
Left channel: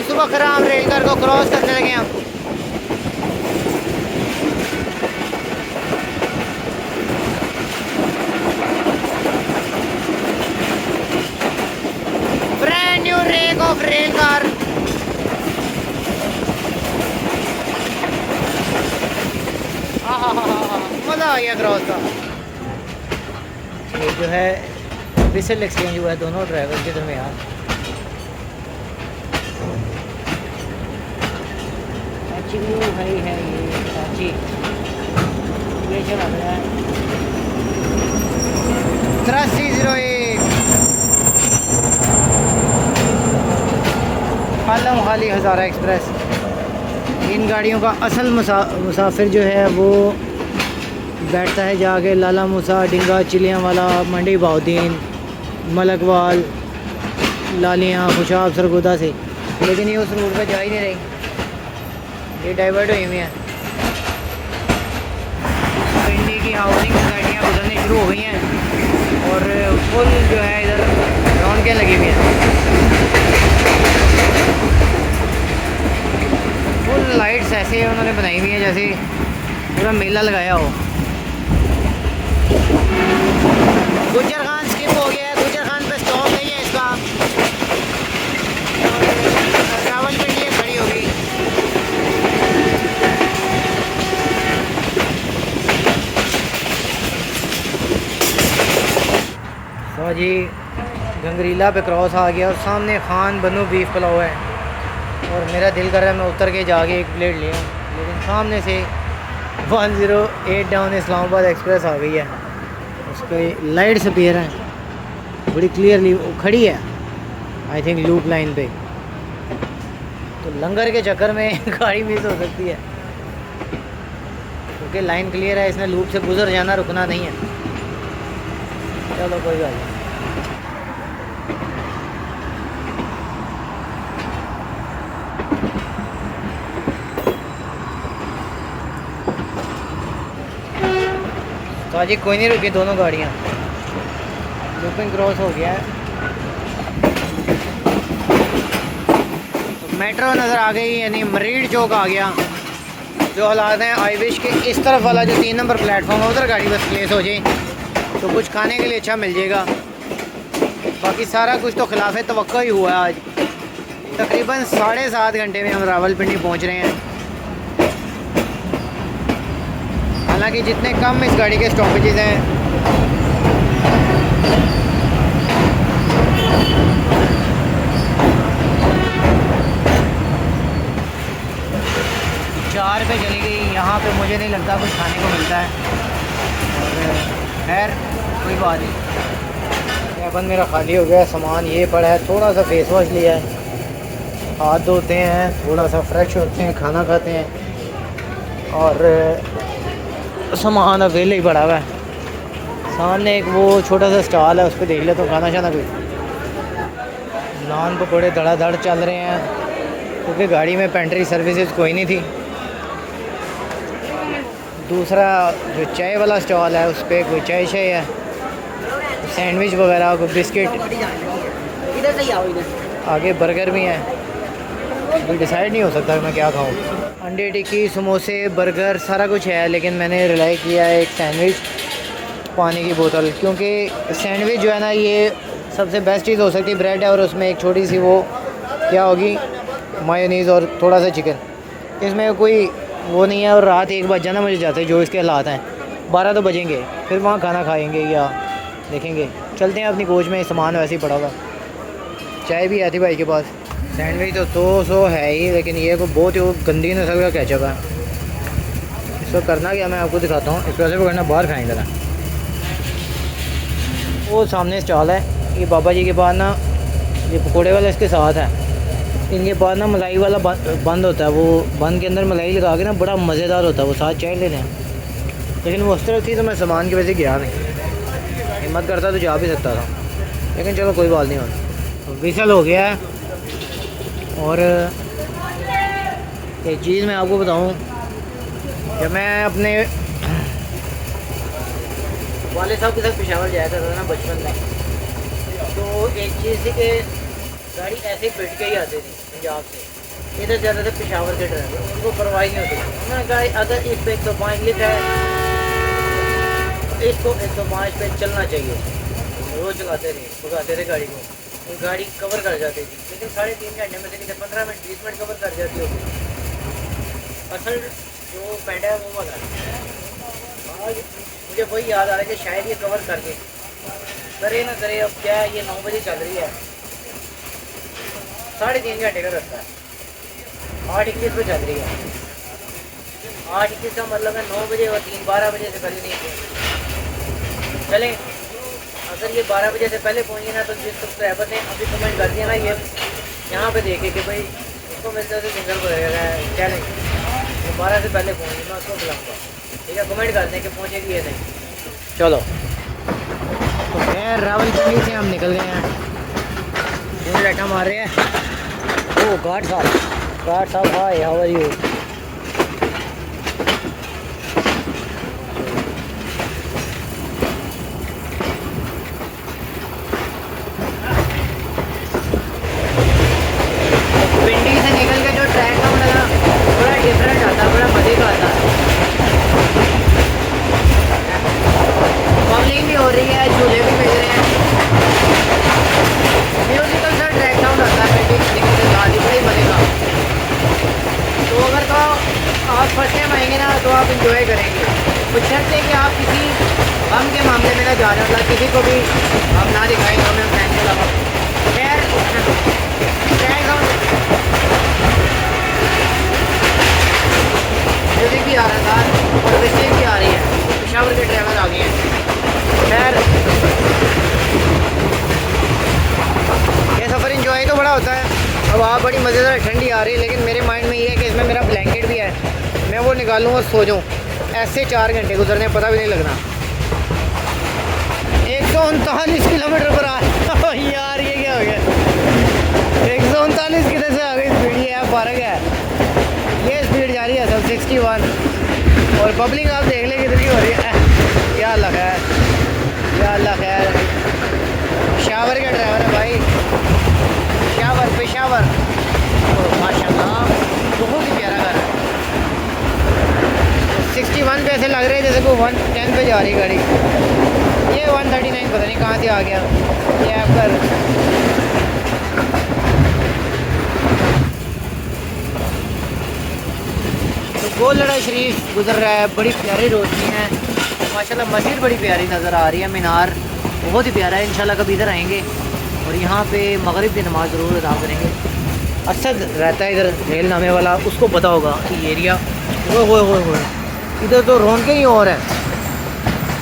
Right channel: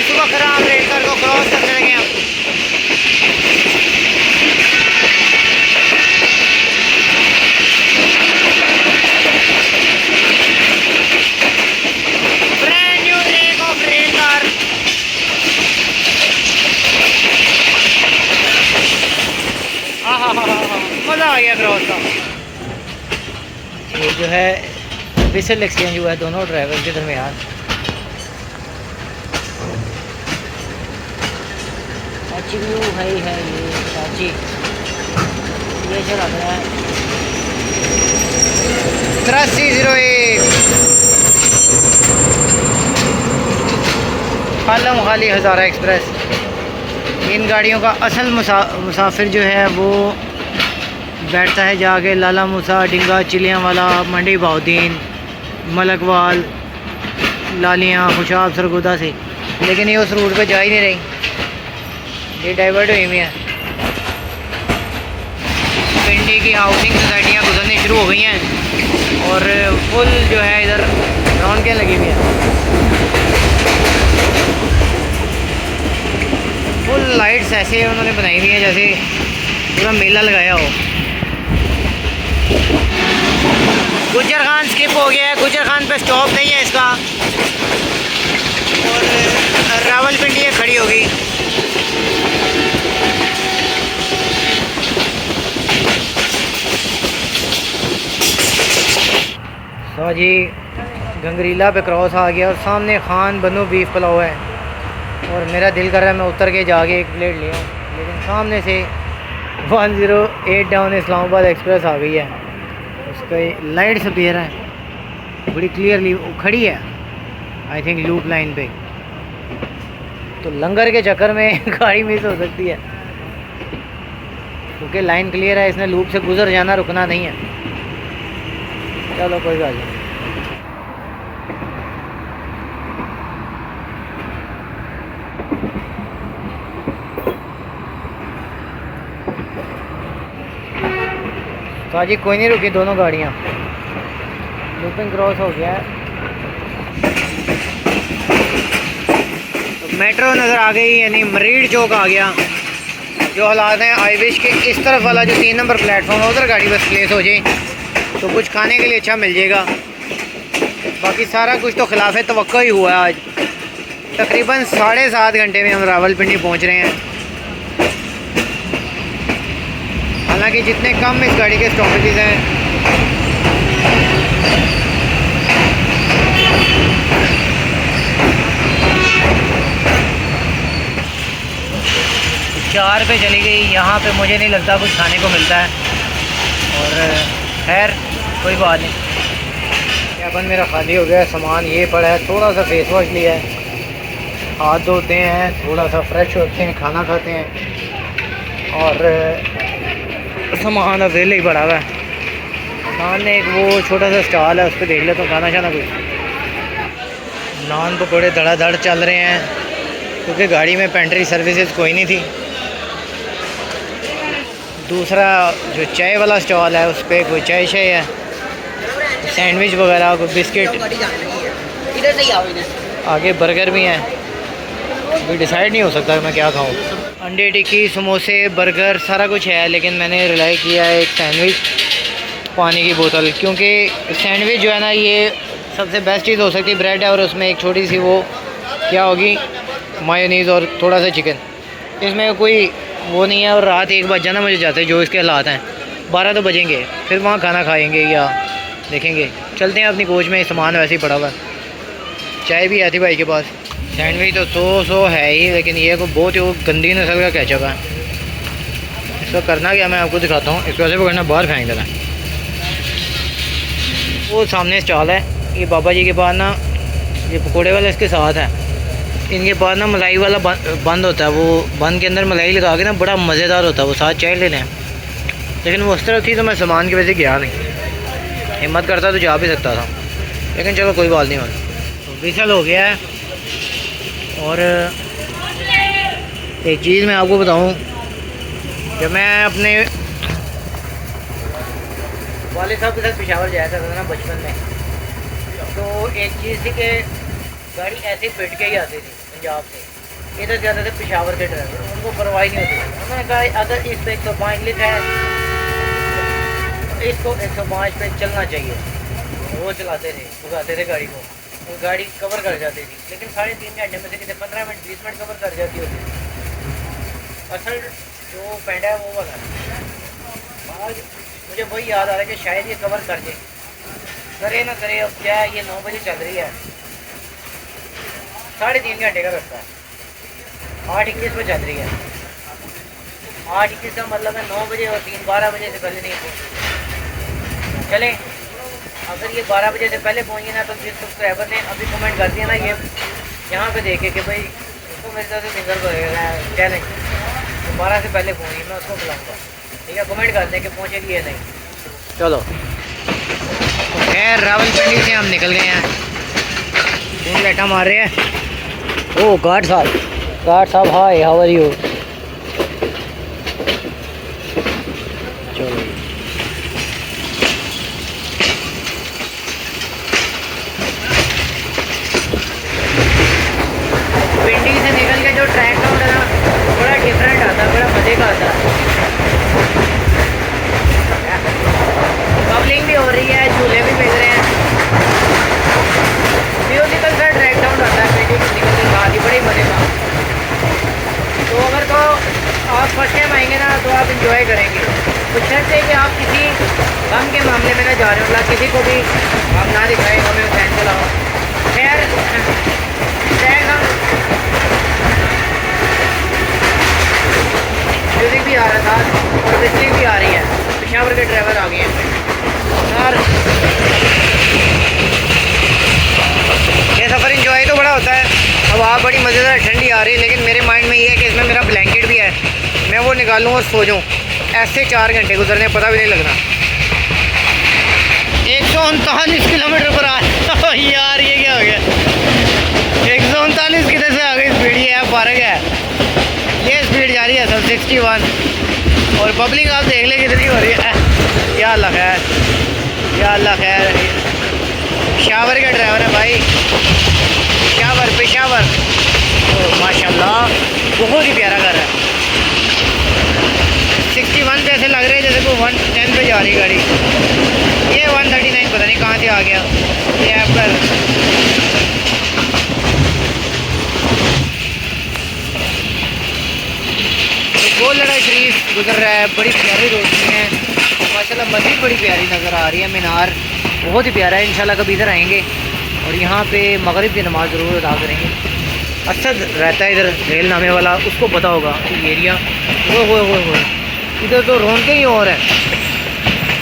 सुबह खराब रेलकर को क्रॉस करने लगे हम। Brand new rake of rail car. मज़ा आ गया क्रॉस का। ये जो है विसल एक्सचेंज हुआ है दोनों ड्राइवर के दरमियान। है ये साची ये चला गया है 8301 खालम खाली हज़ारा एक्सप्रेस। इन गाड़ियों का असल मुसाफिर जो है वो बैठता है जाके लाला मूसा, डिंगा, चिलियाँ वाला, मंडी बहाउद्दीन, मलकवाल, लालियाँ, खुशाब, सरगोदा से, लेकिन ये उस रूट पे जा ही नहीं रही, ये डाइवर्ट हुई हुई है। पिंडी की हाउसिंग सोसाइटियाँ गुजरनी शुरू हो गई हैं और फुल जो है इधर रौनकें लगी हुई हैं, फुल लाइट्स ऐसे उन्होंने बनाई हुई हैं जैसे पूरा मेला लगाया हो। गुज्जर खान स्किप हो गया है, गुज्जर खान पे स्टॉप नहीं है इसका, और रावलपिंडी ये खड़ी होगी। तो जी गंगरीला पे क्रॉस आ गया और सामने खान बनू बीफ पुलाव है और मेरा दिल कर रहा है मैं उतर के जाके एक प्लेट ले आऊँ, लेकिन सामने से 108 डाउन इस्लामाबाद एक्सप्रेस आ गई है, उसकी लाइट सपेयर है बड़ी क्लियरली खड़ी है, आई थिंक लूप लाइन पे, तो लंगर के चक्कर में गाड़ी मिस हो सकती है क्योंकि लाइन क्लियर है, इसने लूप से गुजर जाना, रुकना नहीं है। चलो कोई बात नहीं। तो जी कोई नहीं रुकी, दोनों गाड़ियाँ, लूपिंग क्रॉस हो गया है, तो मेट्रो नज़र आ गई, यानी मरीड चौक आ गया। जो हालात हैं, आई विश के इस तरफ वाला जो 3 नंबर प्लेटफॉर्म है उधर गाड़ी बस प्लेस हो जाए तो कुछ खाने के लिए अच्छा मिल जाएगा, बाकी सारा कुछ तो खिलाफ तवक्को ही हुआ है। आज तकरीबन 7.5 घंटे में हम रावलपिंडी पहुंच रहे हैं, हालांकि जितने कम इस गाड़ी के स्टॉपेजेस हैं चार पे चली गई, यहाँ पे मुझे नहीं लगता कुछ खाने को मिलता है, और खैर कोई बात नहीं। अपन मेरा खाली हो गया, सामान ये पड़ा है, थोड़ा सा फेस वॉश लिया है, हाथ धोते हैं, थोड़ा सा फ्रेश होते हैं, खाना खाते हैं, और सामान अवेले ही पड़ा हुआ है। सामने एक वो छोटा सा स्टॉल है, उस पर देख लेता हूँ खाना शाना कुछ। नान पकौड़े धड़ाधड़ चल रहे हैं क्योंकि गाड़ी में पेंट्री सर्विसेज कोई नहीं थी। दूसरा जो चाय वाला स्टॉल है उस पर कोई चाय शाय है, सैंडविच वगैरह, कोई बिस्किट, इधर से ही आओ इधर। आगे बर्गर भी हैं, अभी डिसाइड नहीं हो सकता कि मैं क्या खाऊं। अंडे टिक्की, समोसे, बर्गर सारा कुछ है, लेकिन मैंने रिलाई किया है एक सैंडविच, पानी की बोतल, क्योंकि सैंडविच जो है ना ये सबसे बेस्ट चीज़ हो सकती है। ब्रेड है और उसमें एक छोटी सी वो क्या होगी मायोनीज़ और थोड़ा सा चिकन, इसमें कोई वो नहीं है। और रात 1 बज जाना मुझे जाते जो इसके हालात हैं, 12 तो बजेंगे, फिर वहाँ खाना खाएंगे या देखेंगे। चलते हैं अपनी कोच में, सामान वैसे ही पड़ा हुआ है। चाय भी आती भाई के पास। सैंडविच तो 100 है ही, लेकिन ये को बहुत ही गंदी नस्ल का केचप है। इसको करना क्या मैं आपको दिखाता हूँ, इसको ऐसे पकड़ना, बाहर फेंक देना। वो सामने स्टॉल है, ये बाबा जी के पास ना, ये पकौड़े वाला इसके साथ है, इनके पास ना मलाई वाला बंद होता है, वो बंद के अंदर मलाई लगा के ना बड़ा मज़ेदार होता है, वो साथ चाय लेने हैं। लेकिन वो उस तरह थी तो मैं सामान की वजह से गया नहीं, हिम्मत करता तो जा भी सकता था, लेकिन चलो कोई बात नहीं। तो विसल हो गया है। और एक चीज़ मैं आपको बताऊं, जब मैं अपने वाले साहब के साथ पेशावर जाया था ना बचपन में, तो एक चीज़ थी कि गाड़ी ऐसे बैठ के ही आती थी पंजाब से, इधर ज़्यादा से पेशावर के ड्राइवर, उनको परवाह नहीं होती। उन्होंने कहा अगर इस पर 105 लिखा है तो इसको 105 पे चलना चाहिए। वो चलाते थे, भगाते थे गाड़ी को, और गाड़ी कवर कर जाती थी, लेकिन 3.5 घंटे में से कितने 15 मिनट 20 मिनट कवर कर जाती होगी। असल जो पेंडा है वो वाला, आज मुझे वही याद आ रहा है कि शायद ये कवर कर जाए, करे ना करे। अब क्या है, ये 9 बजे चल रही है, 3.5 घंटे का रास्ता है, 8:21 पे चल रही है। 8:21 का मतलब है 9 बजे और 12 बजे से पहले नहीं पहुँच चलें। अगर ये 12 बजे से पहले पहुँचे ना, तो जिस सब्सक्राइबर ने अभी कमेंट कर दिया ना, ये यहाँ पे देखे कि भाई इसको मेरे तरफ से सिंगल चैलेंज 12 से पहले पहुँची, मैं उसको बुलाऊँगा। ठीक है, कमेंट कर दें कि पहुँचेगी या नहीं। चलो तो खैर रावलपिंडी से हम निकल गए हैं। कौन बैठा मार रहे हैं? ओ गार्ड साहब हाय, हाउ आर यू? पिंडी से निकल के जो ट्रैक राउंड है ना, बड़ा डिफरेंट आता है, बड़ा मज़े का आता है। पब्लिंग भी हो रही है, झूले भी मिल रहे हैं, म्यूजिकल सा ट्रैक साउंड आता है पिंडी से निकल के बाद ही, बड़ी मज़े का। तो अगर तो आप फर्स्ट टाइम आएंगे ना तो आप इंजॉय करेंगे। कुछ ऐसे कि आप किसी गम के मामले में ना जा रहे हो, मतलब किसी को भी आप ना दिखाएं हमें फैन के अलावा। खैर ट्रैक साउंड म्यूजिक भी आ रहा था और विस्किंग भी आ रही है। पेशावर के ड्राइवर आ गए हैं। यार ये सफ़र इंजॉय तो बड़ा होता है। अब आप बड़ी मज़ेदार ठंडी आ रही है, लेकिन मेरे माइंड में ये है कि इसमें मेरा ब्लैंकेट भी है, मैं वो निकालूँ और सो जाऊँ। ऐसे 4 घंटे गुजरने पता भी नहीं लगना। 139 किलोमीटर पर आ यार ये क्या हो गया? 139 किधर से आ गई स्पीड? ये है पार्क है, ये स्पीड जा रही है सब 61। और पब्लिक आप देख ले कितनी हो रही है। या अल्लाह खैर, या अल्लाह खैर। पेशावर का ड्राइवर है भाई, पेशावर। तो माशाल्लाह बहुत ही प्यारा घर है। 61 पे ऐसे लग रहे हैं जैसे को 110 पे जा रही गाड़ी। ये 139 पता नहीं कहाँ से आ गया ये ऐप पर। तो गोलड़ा शरीफ गुजर रहा है, बड़ी प्यारी रोशनी है माशाल्लाह। मस्जिद बड़ी प्यारी नज़र आ रही है, मीनार बहुत ही प्यारा है। इंशाल्लाह कभी इधर आएंगे और यहाँ पे मगरिब की नमाज़ ज़रूर अदा करेंगे। असद रहता है इधर रेल नामे वाला, उसको पता होगा ये एरिया। वो इधर तो रौनकें ही और है।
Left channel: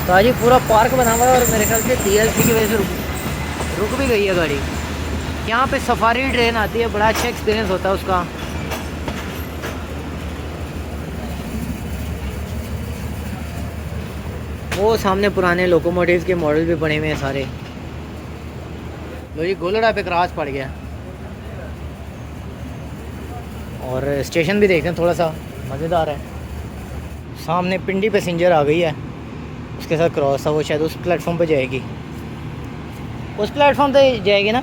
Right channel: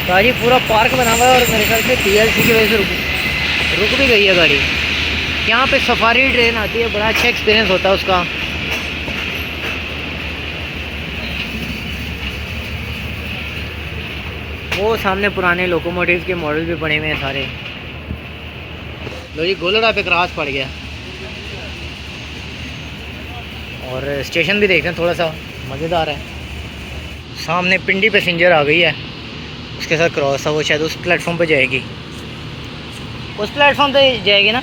गाड़ी पूरा पार्क बना हुआ है और मेरे ख्याल से TLC की वजह से रुक भी गई है गाड़ी। यहाँ पे सफारी ट्रेन आती है, बड़ा अच्छा एक्सपीरियंस होता है उसका। वो सामने पुराने लोकोमोटिव के मॉडल भी बने हुए हैं सारे। लो जी गोलड़ा पे क्रॉस पड़ गया। और स्टेशन भी देखते हैं, थोड़ा सा मज़ेदार है। सामने पिंडी पैसेंजर आ गई है, उसके साथ क्रॉस है, वो शायद उस प्लेटफॉर्म पे जाएगी, उस प्लेटफॉर्म पे जाएगी ना।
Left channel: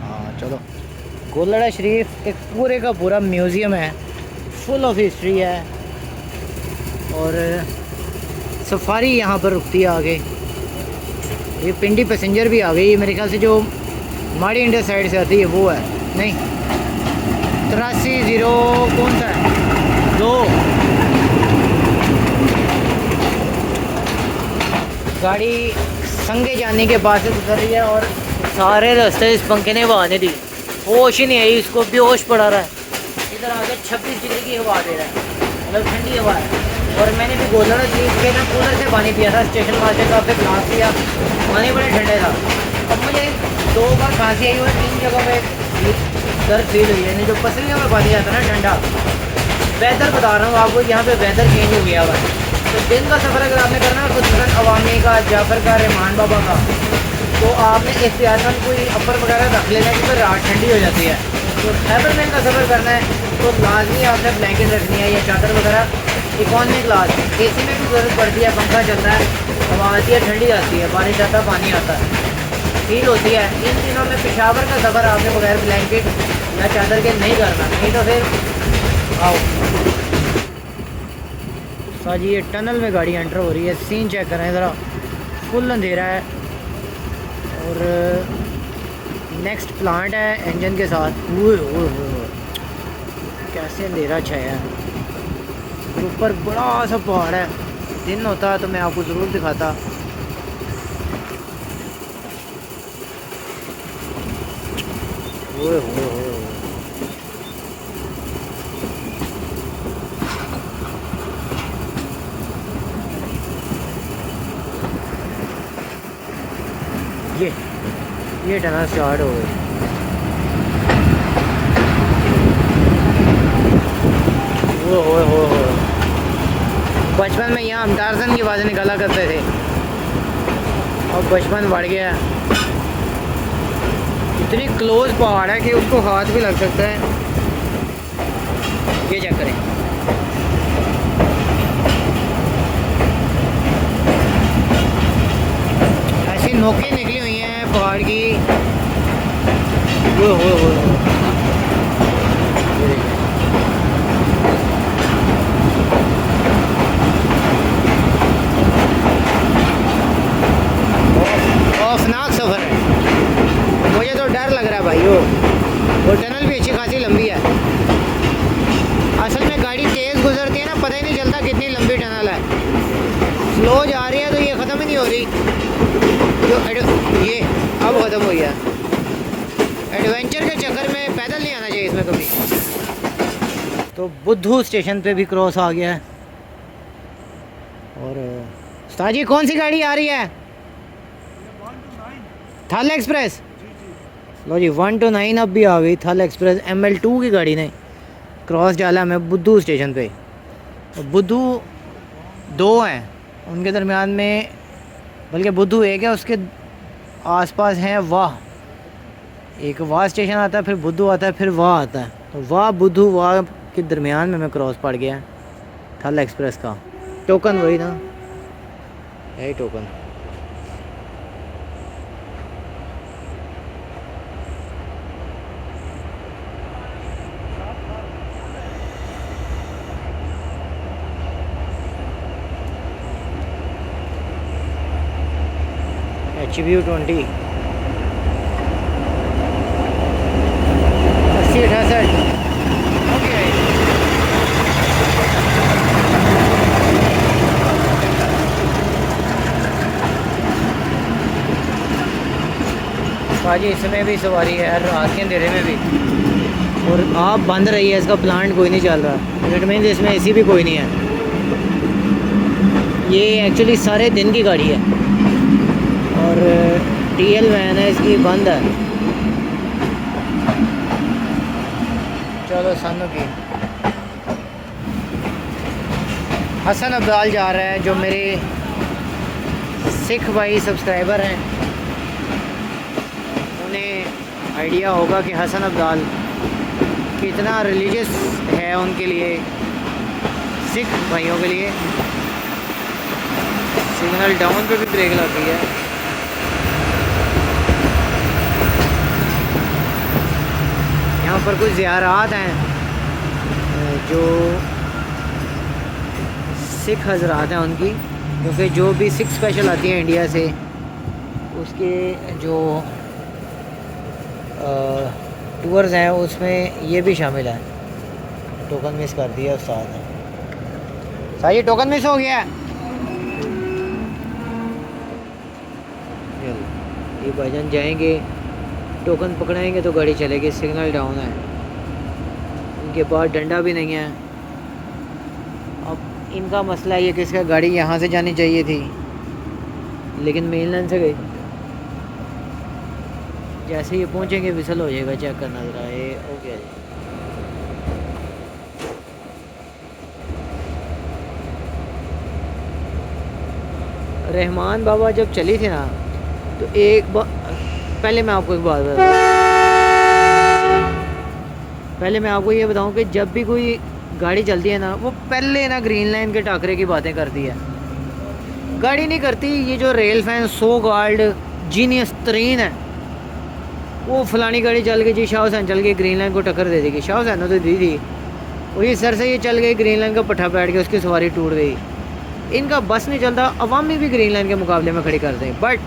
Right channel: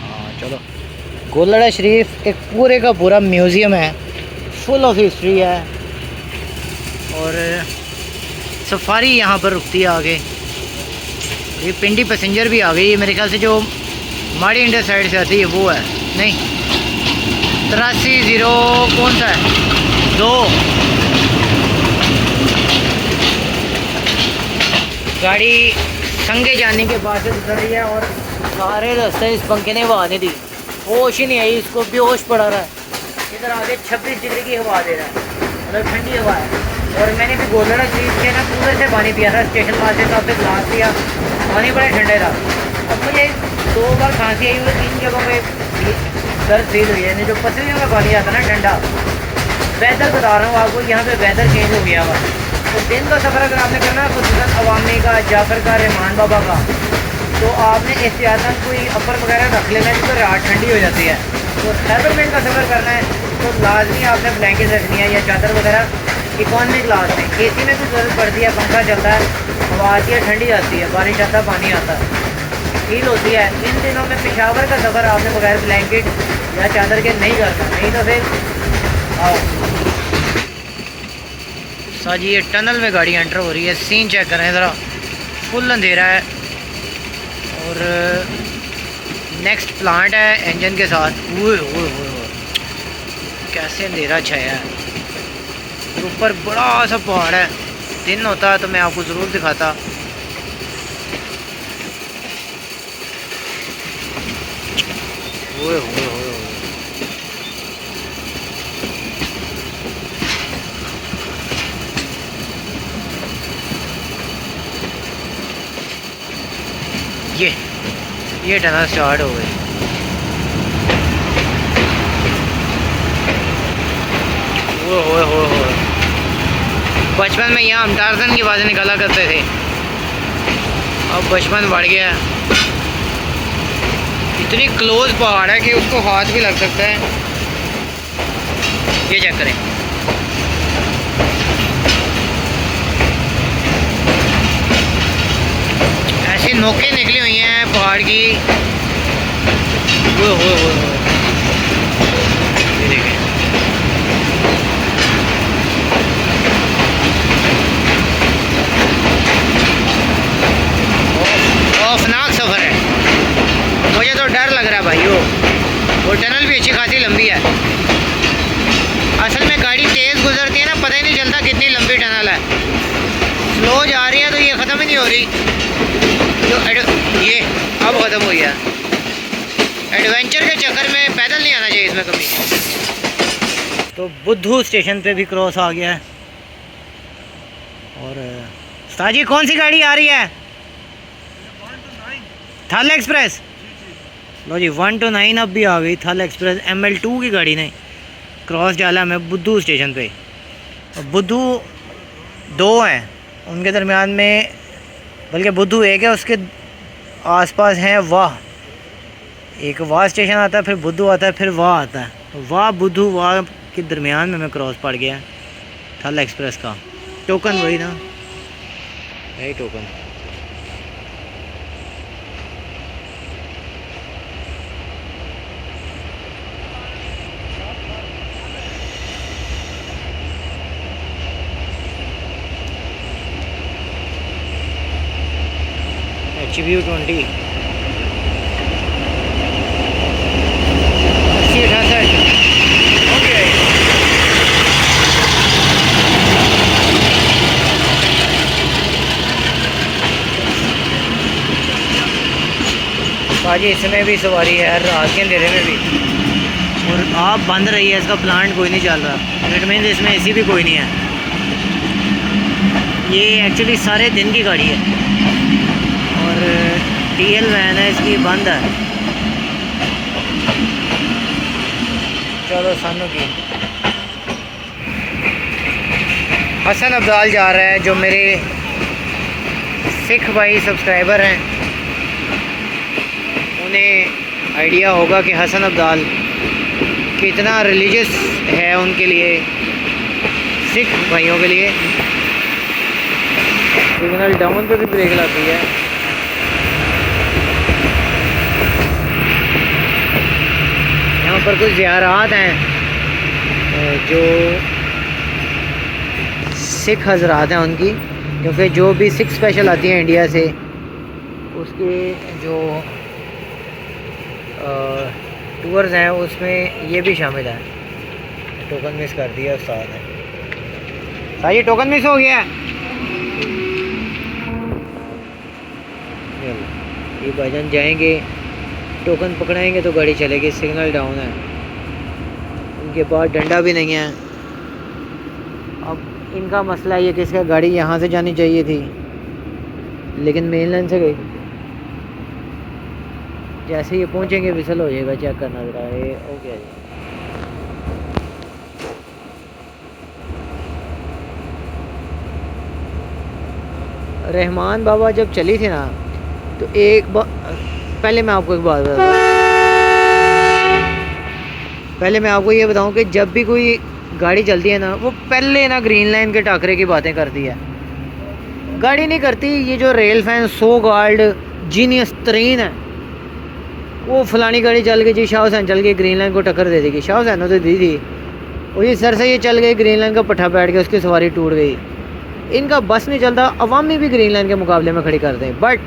हाँ चलो। गोलड़ा शरीफ एक पूरे का पूरा म्यूज़ियम है, फुल ऑफ हिस्ट्री है। और सफारी यहाँ पर रुकती है आगे। ये पिंडी पैसेंजर भी आ गई है, मेरे ख्याल से जो माड़ी इंडिया साइड से आती है वो है। नहीं 83 कौन सा है 2। गाड़ी संगे जाने के बाद ही गुजर रही है और सारे रास्ते इस पंखे ने हवा नहीं दी, होश ही नहीं आई, इसको बेहोश पड़ा रहा है। इधर आगे 26 डिग्री की हवा दे रहा है, मतलब ठंडी हवा है। और मैंने भी गोलड़ा शरीफ से ना कूलर से पानी पिया था, स्टेशन मास्टर का फिर ग्लास लिया, पानी बड़ा ठंडा था। अब मुझे 2 बार खांसी आई हुई, 3 जगहों पे दर्द फील हुई है। जो पसलियों में पानी आता ना ठंडा, वेदर बता रहा हूँ आपको, यहाँ पे वेदर चेंज हो गया हुआ है। तो दिन का सफ़र अगर आपने करना है खुसूसन अवामी का, जाफ़र का, रहमान बाबा का, तो आपने एहतियातन कोई अपर वगैरह रख लेना क्योंकि रात ठंडी हो जाती है। तो खैबर मेल का सफ़र करना है तो लाजमी आपने ब्लैंकेट रखनी है या चादर वगैरह। इकॉनमी क्लास में AC में भी ज़रूरत पड़ती है, पंखा चलता है, हवा आती है, ठंडी आती है, बारिश आता है, पानी आता है, फील होती है। इन दिनों में पेशावर का सफ़र आपने बगैर ब्लैंकेट या चादर के नहीं करना, नहीं तो फिर आओ साजी। ये टनल में गाड़ी एंटर हो रही है, सीन चेक करें ज़रा, फुल अंधेरा है। और नेक्स्ट प्लांट है इंजन के साथ। ओए कैसे अंधेरा छाया है। ऊपर बड़ा सा पहाड़ है, दिन होता तो मैं आपको ज़रूर दिखाता। ओए ये टनल स्टार्ट हो गई। ओए बचपन में यहाँ हम टार्जन की आवाज़ें निकाला करते थे, अब बचपन बढ़ गया। इतनी क्लोज पहाड़ है कि उसको हाथ भी लग सकता है। ये चेक करें, ऐसी नोकें निकली हुई हैं पहाड़ की। वो ये देखें, खौफनाक सफ़र है। मुझे तो डर लग रहा है भाई। वो टनल भी अच्छी खासी लंबी है। असल में गाड़ी तेज़ गुजरती है ना, पता ही नहीं चलता कितनी लंबी टनल है। स्लो जा रही है तो ये ख़त्म ही नहीं हो रही। ये अब ख़त्म हो गया। एडवेंचर के चक्कर में पैदल नहीं आना चाहिए इसमें कभी। तो बुद्धू स्टेशन पे भी क्रॉस आ गया है। और उस्ताद जी कौन सी गाड़ी आ रही है? थल एक्सप्रेस। लो जी 1 to 9 अब भी आ गई थल एक्सप्रेस। ML2 की गाड़ी ने क्रॉस डाला मैं बुद्धू स्टेशन पे। बुद्धू 2 हैं, उनके दरमियान में, बल्कि बुद्धू 1 है, उसके आसपास हैं वाह। एक वाह स्टेशन आता है, फिर बुद्धू आता है, फिर वाह आता है। तो वाह बुद्धू वाह के दरमियान में मैं क्रॉस पड़ गया थल एक्सप्रेस का। टोकन वही ना, यही टोकन। HBU 20 8068 okay. बाजी इसमें भी सवारी है रात के अंधेरे में भी, और आप बंद रही है, इसका प्लांट कोई नहीं चल रहा। इट मीन्स इसमें AC भी कोई नहीं है। ये एक्चुअली सारे दिन की गाड़ी है और TL वैन है इसकी, बंद है। चलो सानू की हसन अब्दाल जा रहा है, जो मेरे सिख भाई सब्सक्राइबर हैं उन्हें आइडिया होगा कि हसन अब्दाल कितना रिलीजियस है उनके लिए, सिख भाइयों के लिए। सिग्नल डाउन पे भी ब्रेक लगती है। यहाँ पर कुछ ज़ियारात हैं जो सिख हजरात हैं उनकी, क्योंकि जो भी सिख स्पेशल आती हैं इंडिया से, उसके जो टूर्स हैं उसमें ये भी शामिल है। टोकन मिस कर दिया उस्ताद ने। सर ये टोकन मिस हो गया। ये भाईजान जाएंगे, टोकन पकड़ाएंगे तो गाड़ी चलेगी। सिग्नल डाउन है, इनके पास डंडा भी नहीं है। अब इनका मसला ये कि इसका गाड़ी यहाँ से जानी चाहिए थी, लेकिन मेन लाइन से गई। जैसे ये पहुँचेंगे विसल हो जाएगा, चेक करना ज़रा। ये ओके जी। रहमान बाबा जब चली थी ना, तो एक बार पहले मैं आपको एक बात बताऊँ, पहले मैं आपको ये बताऊँ कि जब भी कोई गाड़ी चलती है ना, वो पहले ना ग्रीन लाइन के टाकरे की बातें करती है, गाड़ी नहीं करती। ये जो rail fan so guard genius तरीन है, वो फलानी गाड़ी चल गई जी, शाह हुसैन चल गई, ग्रीन लाइन को टक्कर दे देगी। शाह हुसैन तो दी थी, और ये सर से ये चल गई, ग्रीन लाइन का पट्टा बैठ गया, उसकी सवारी टूट गई। इनका बस नहीं चलता, अवामी भी ग्रीन लाइन के मुकाबले में खड़ी कर दें। But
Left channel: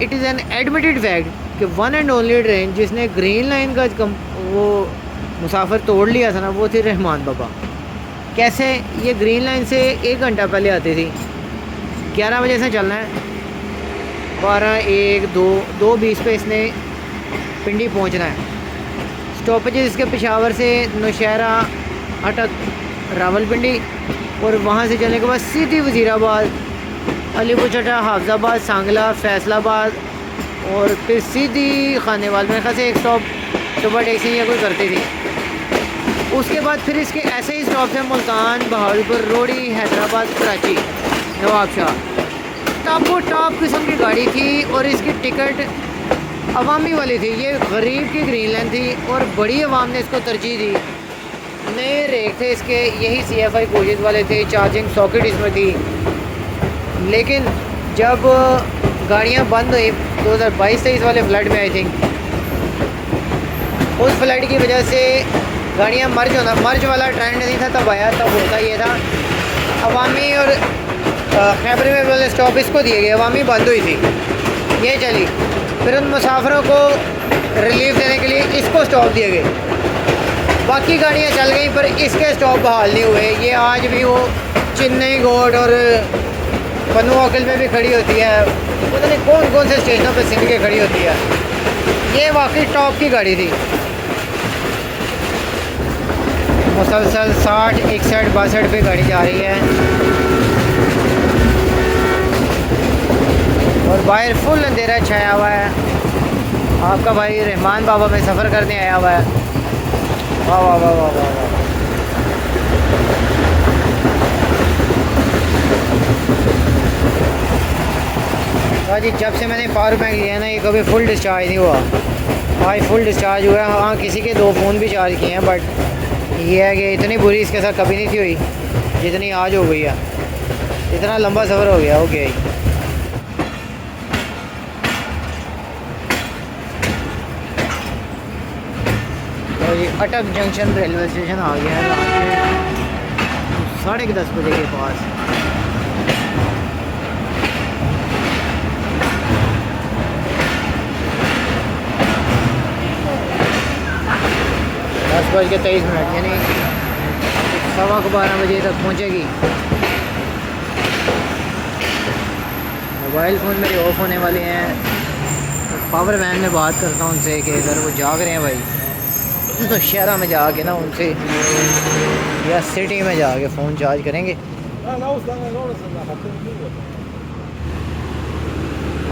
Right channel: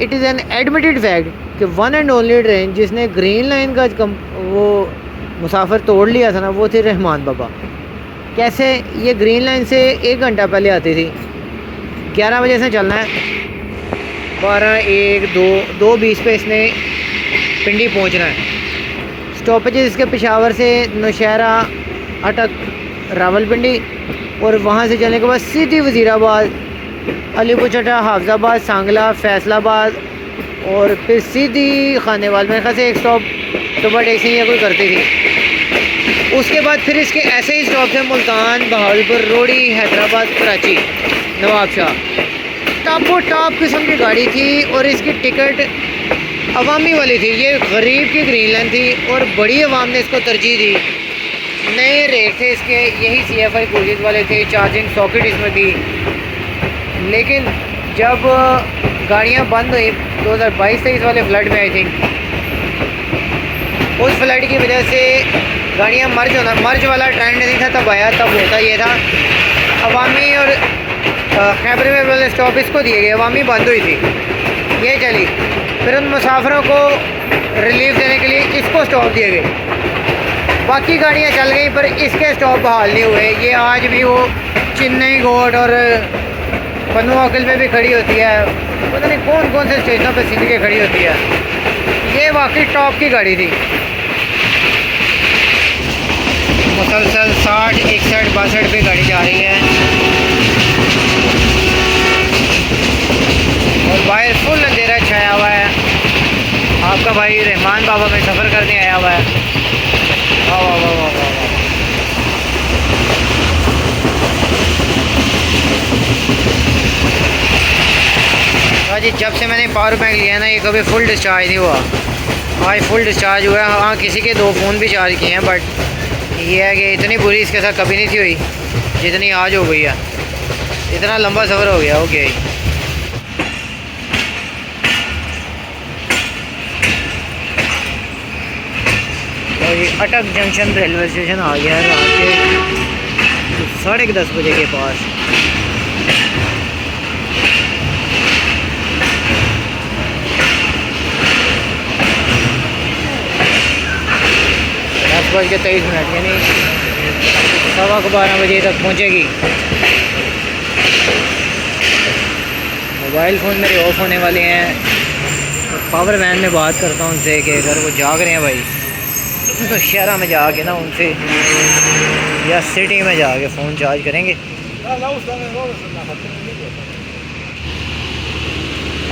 it is an admitted fact कि वन एंड ओनली ट्रेन जिसने ग्रीन लाइन का वो मुसाफिर तोड़ लिया था ना, वो थी रहमान बाबा। कैसे? ये ग्रीन लाइन से 1 घंटा पहले आती थी, 11 बजे से चलना है, 12, 1, 2, 2:20 पे इसने पिंडी पहुंचना है। स्टॉपेजेस इसके पेशावर से नौशहरा, अटक, रावलपिंडी, और वहाँ से चलने के बाद सीधी वज़ीराबाद, अलीपुर चट्टा, हाफजाबाद, सांगला, फैसलाबाद, और फिर सीधी खानेवाल। मेरे ख्याल से एक स्टॉप सुबह टैक्सी या कोई करती थी, उसके बाद फिर इसके ऐसे ही स्टॉप थे मुल्तान, बहावलपुर, रोड़ी, हैदराबाद, कराची, नवाबशाह। टॉपो टॉप किस्म की गाड़ी थी और इसकी टिकट अवामी वाली थी। ये गरीब की ग्रीन लाइन थी और बड़ी अवाम ने इसको तरजीह दी। नए रेट थे इसके, यही CFI कोजेज वाले थे, चार्जिंग सॉकेट इसमें थी। लेकिन जब गाड़ियाँ बंद हुई 2022-23 वाले फ्लड में, आई थिंक उस फ्लड की वजह से गाड़ियाँ मर्ज वाला ट्रेंड नहीं था तब आया। तब होता ये था, अवामी और खैबर में वाले स्टॉप इसको दिए गए, अवामी बंद हुई थी, ये चली। फिर उन मुसाफिरों को रिलीफ देने के लिए इसको स्टॉप दिए गए। बाकी गाड़ियाँ चल गई पर इसके स्टॉप बहाल नहीं हुए। ये आज भी वो चेन्नई घोट और पन्नू अकल में भी खड़ी होती है, पता नहीं कौन कौन से स्टेशनों पे सिंध के खड़ी होती है। ये वाकई टॉप की गाड़ी थी। मुसलसल 60, 61, 62 पे गाड़ी जा रही है और बाहर फुल अंधेरा छाया हुआ है। आपका भाई रहमान बाबा में सफ़र करने आया हुआ है। वाह वाह वाह वाह वाह वाह। जी जब से मैंने पावर बैंक लिया ना, ये कभी फुल डिस्चार्ज नहीं हुआ। आज फुल डिस्चार्ज हुआ है। हाँ, किसी के 2 फ़ोन भी चार्ज किए हैं, बट ये है कि इतनी बुरी इसके साथ कभी नहीं थी हुई जितनी आज हो गई है। इतना लंबा सफ़र हो गया ही। और ये अटक जंक्शन रेलवे स्टेशन आ गया है रात के 10:30 बजे के पास। 10:23 यानी 12:15 बजे तक पहुँचेगी। मोबाइल फ़ोन मेरे ऑफ होने वाले हैं। तो पावर वैन में बात करता हूँ उनसे कि अगर वो जाग रहे हैं भाई, तो शहर में जाके ना उनसे या सिटी में जाके फ़ोन चार्ज करेंगे।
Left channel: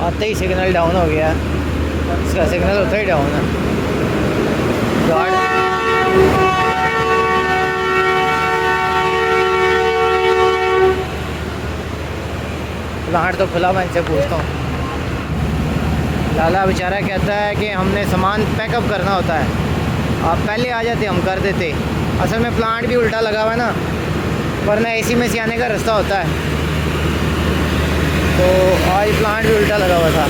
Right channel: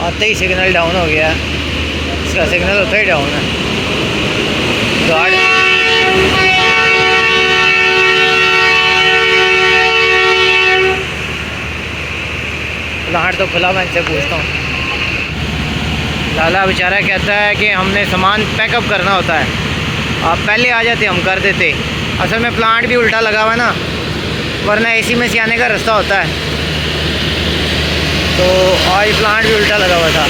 आते ही सिग्नल डाउन हो गया। इसका सिग्नल होता ही डाउन है। गार्ड प्लांट तो खुला, मैं इनसे पूछता हूँ। लाला बेचारा कहता है कि हमने सामान पैकअप करना होता है, आप पहले आ जाते हम कर देते। असल में प्लांट भी उल्टा लगा हुआ है ना, वरना AC में से आने का रास्ता होता है। तो आज प्लांट भी उल्टा लगा हुआ था।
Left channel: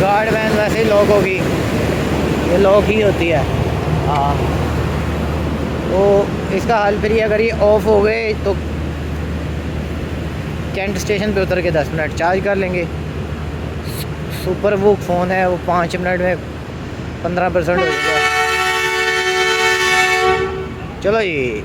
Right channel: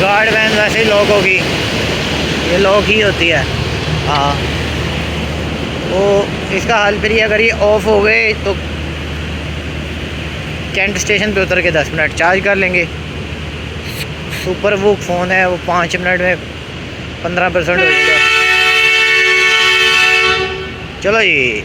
गार्ड वैन वैसे ही लॉक होगी, ये लॉक ही होती है। हाँ, वो इसका हाल फिर ये अगर ये ऑफ़ हो गए तो कैंट स्टेशन पे उतर के 10 मिनट चार्ज कर लेंगे। सुपर वूक फ़ोन है, वो 5 मिनट में 15% हो जाएगा। चलो जी,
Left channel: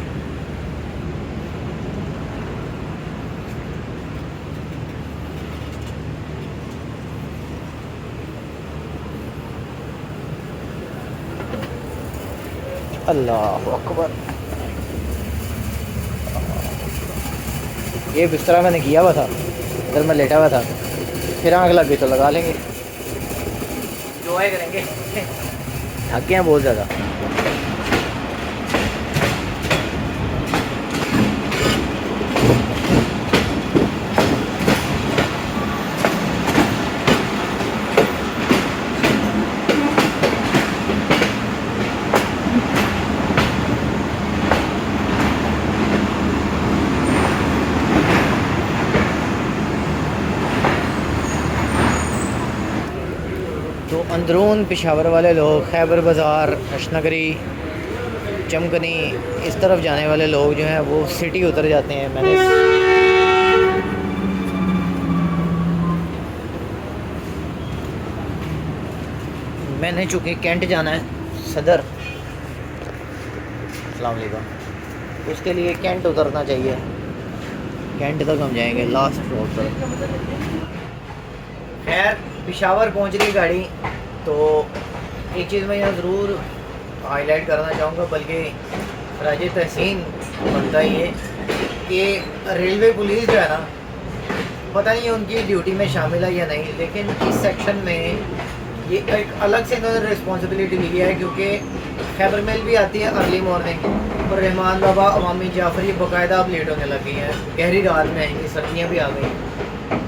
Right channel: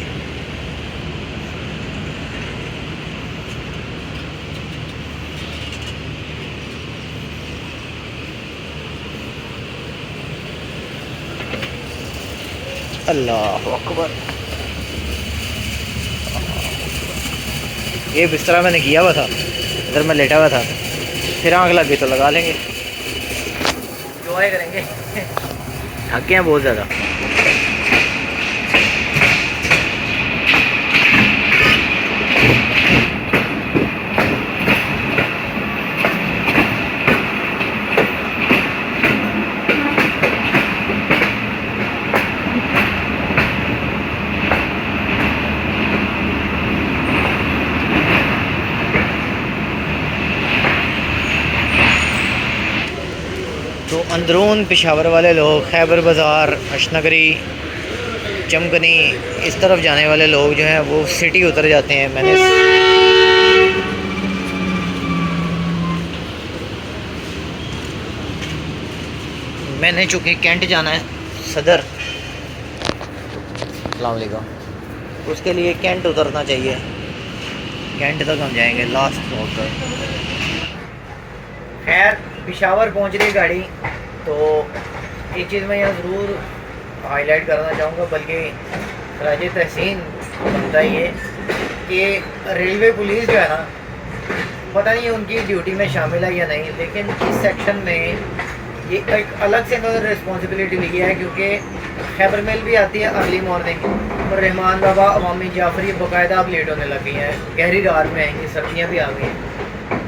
अल्लाह अकबर। ये बिस्तरा मैंने किया हुआ था, इधर मैं लेटा हुआ था, फिर आँख लग गई तो लगा लेंगे, एंजॉय करेंगे। थक गए हैं बहुत ज़्यादा। तो अंदरून पेशावर वाले लोग, खैबर बाज़ार, अशनगरी, चमकनी, इस तरफ जाने वाले लोग जो हैं वो सिटी उतर जाते हैं। मैंने चूँकि कैंट जाना है सदर, अस्सलाम वालेकुम, उसके लिए कैंट उतरना चाहिए। कैंट तक हम जाएंगे लास्ट स्टॉप पर। खैर पेशावर पहुंच रही गाड़ी। तो एक चीज़ मैं यहाँ ज़रूर हाईलाइट करना चाहूँगा, बल्कि खराज तहसीन बनता ही है कि रेलवे पुलिस जो है ना, पता नहीं उनकी ड्यूटी में शामिल है या नहीं, लेकिन इस सेक्शन में ये एक अलग से इन्होंने रिस्पॉन्सिबिलिटी ली है, क्योंकि खैबर मेल भी आती है अर्ली मॉर्निंग और रहमान बाबा अवामी जाफरी बाकायदा अब लेट होने लग गई हैं, गहरी रात में आएंगी, सर्दियाँ भी आ गई हैं,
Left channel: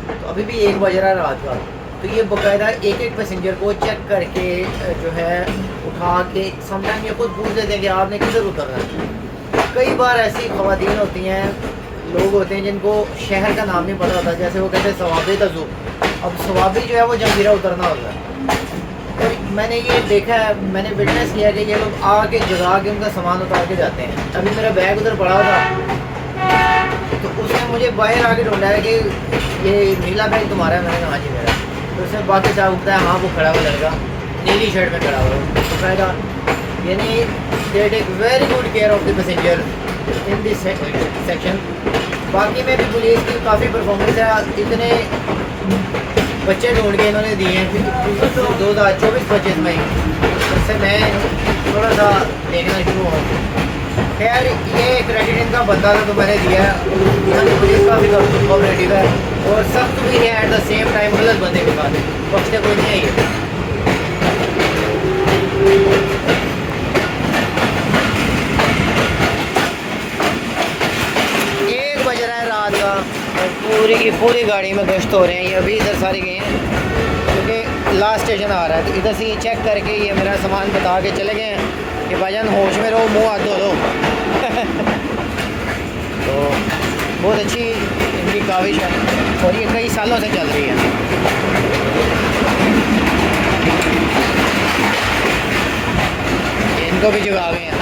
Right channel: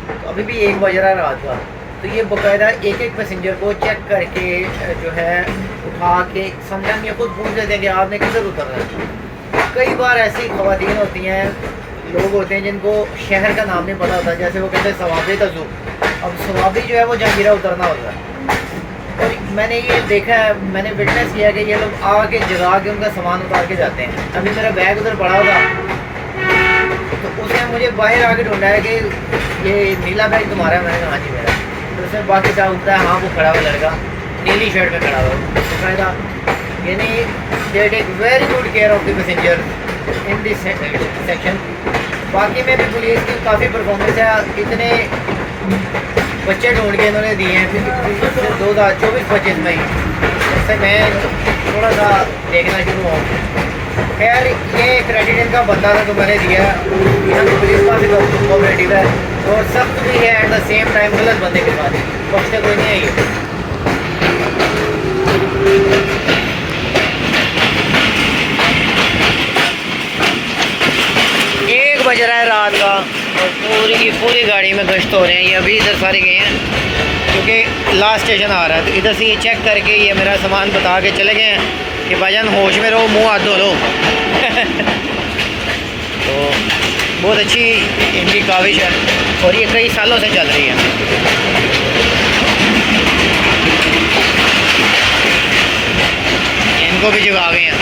तो अभी भी 1 बज रहा है रात का, तो ये बाकायदा एक एक पैसेंजर को चेक करके जो है उठा के समझाएं या कुछ पूछ लेते हैं कि आपने किधर उतरना है। कई बार ऐसी ख़वातीन होती हैं, लोग होते हैं जिनको शहर का नाम नहीं पता होता, जैसे वो कहते हैं सवाबी का जू, अब सवाबी जो है वो जंजीरा उतरना होता है। और मैंने ये देखा है, मैंने विटनेस किया कि ये लोग आके जगा के उनका सामान उतार के जाते हैं। अभी मेरा बैग उधर पड़ा था, तो उसने मुझे बाहर आके ढूंढा है कि ये नीला बैग तुम्हारा है, मैंने कहा हाँ जी मेरा। तो उसने बाकी साहब उठता है, हाँ वो खड़ा हुआ लड़का नीली शर्ट में खड़ा हुआ, तो फायदा यानी they take very good care of the passenger in this section. बाकी में भी पुलिस की काफ़ी परफॉर्मेंस है, इतने बच्चे ढूंढ के इन्होंने दिए हैं, फिर 2024-25 में जब से मैं थोड़ा सा देखना शुरू हुआ। खैर ये क्रेडिट इनका बनता था तो मैंने दिया। यहाँ की पुलिस काफ़ी कोऑपरेटिव है और सख्त भी है एट द सेम टाइम, गलत बंदे के साथ बख्शते कोई नहीं है ये। 1 बज रहा है रात का और पूरी की पूरी गाड़ी में गश्त हो रहे हैं। ये अभी इधर सारे गए हैं क्योंकि लास्ट स्टेशन आ रहा है, तो इधर से ये चेक करके ये मेरा सामान बता के चले गए हैं कि भाईजान होश में रहो, मुंह हाथ धो लो। तो बहुत अच्छी इनकी काविश है और ये कई सालों से चल रही है। इनको भी जगा गए हैं।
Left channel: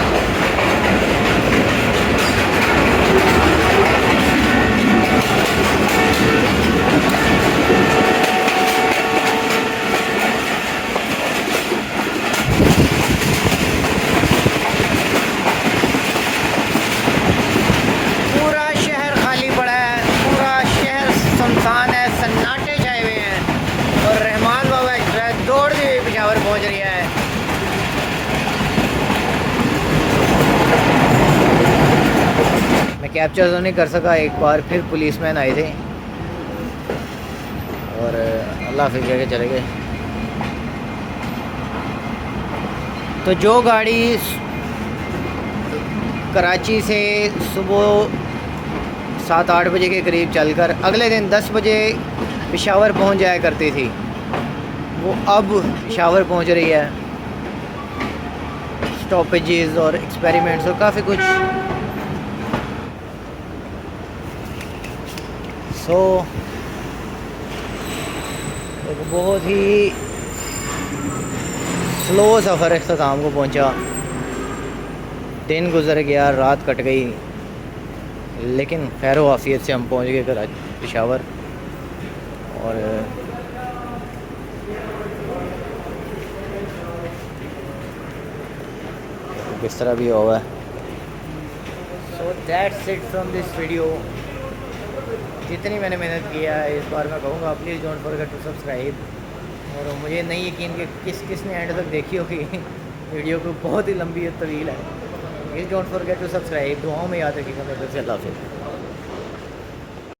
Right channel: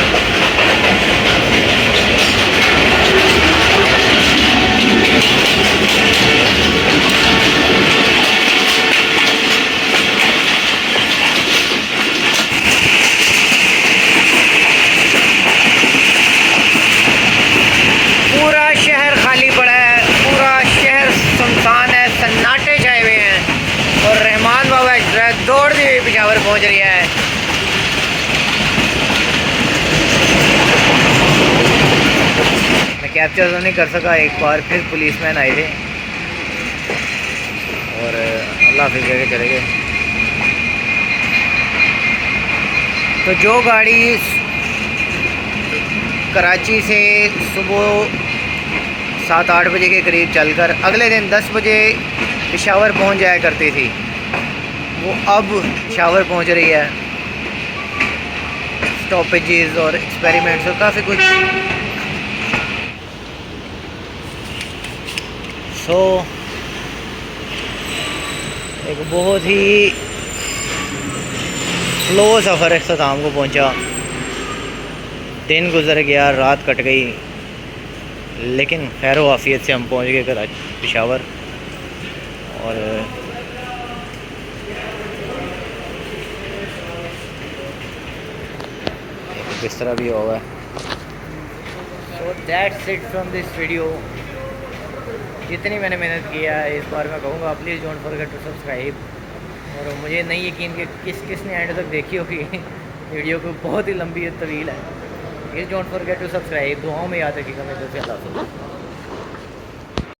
पूरा शहर खाली पड़ा है, पूरा शहर सुनसान है, सन्नाटे छाए हुए हैं और रहमान बाबा ट्रक दौड़ती हुई पेशावर पहुंच रही है। मैं कैप्चर तो नहीं कर सका, एक बार फिर पुलिसमैन आए थे और अल्लाह हाफिज़ कह के चले गए। तो जो गाड़ी कराची से सुबह 7-8 बजे के करीब चलकर अगले दिन 10 बजे पेशावर पहुंच जाया करती थी, वो अब पेशावर पहुंच रही है। स्टॉपेजेस और एक्सपेरिमेंट्स और काफ़ी कुछ। सो एक बहुत ही स्लो सफ़र अख्ताम को पहुंचा। दिन गुजर गया, रात कट गई, लेकिन खैर आफियत से हम पहुंच गए पेशावर। और किस तरह भी हुआ है। So that's it from this video. जितनी मैंने मेहनत किया है इस बार मैं कहूँगा please don't forget to subscribe. और मुझे नहीं यकीन कि किसने एंड तक देखी होगी वीडियो को, बहुत ही लंबी तवील है। Please don't forget to subscribe. दुआओं में याद रखिएगा। मैं 10 से अल्लाह।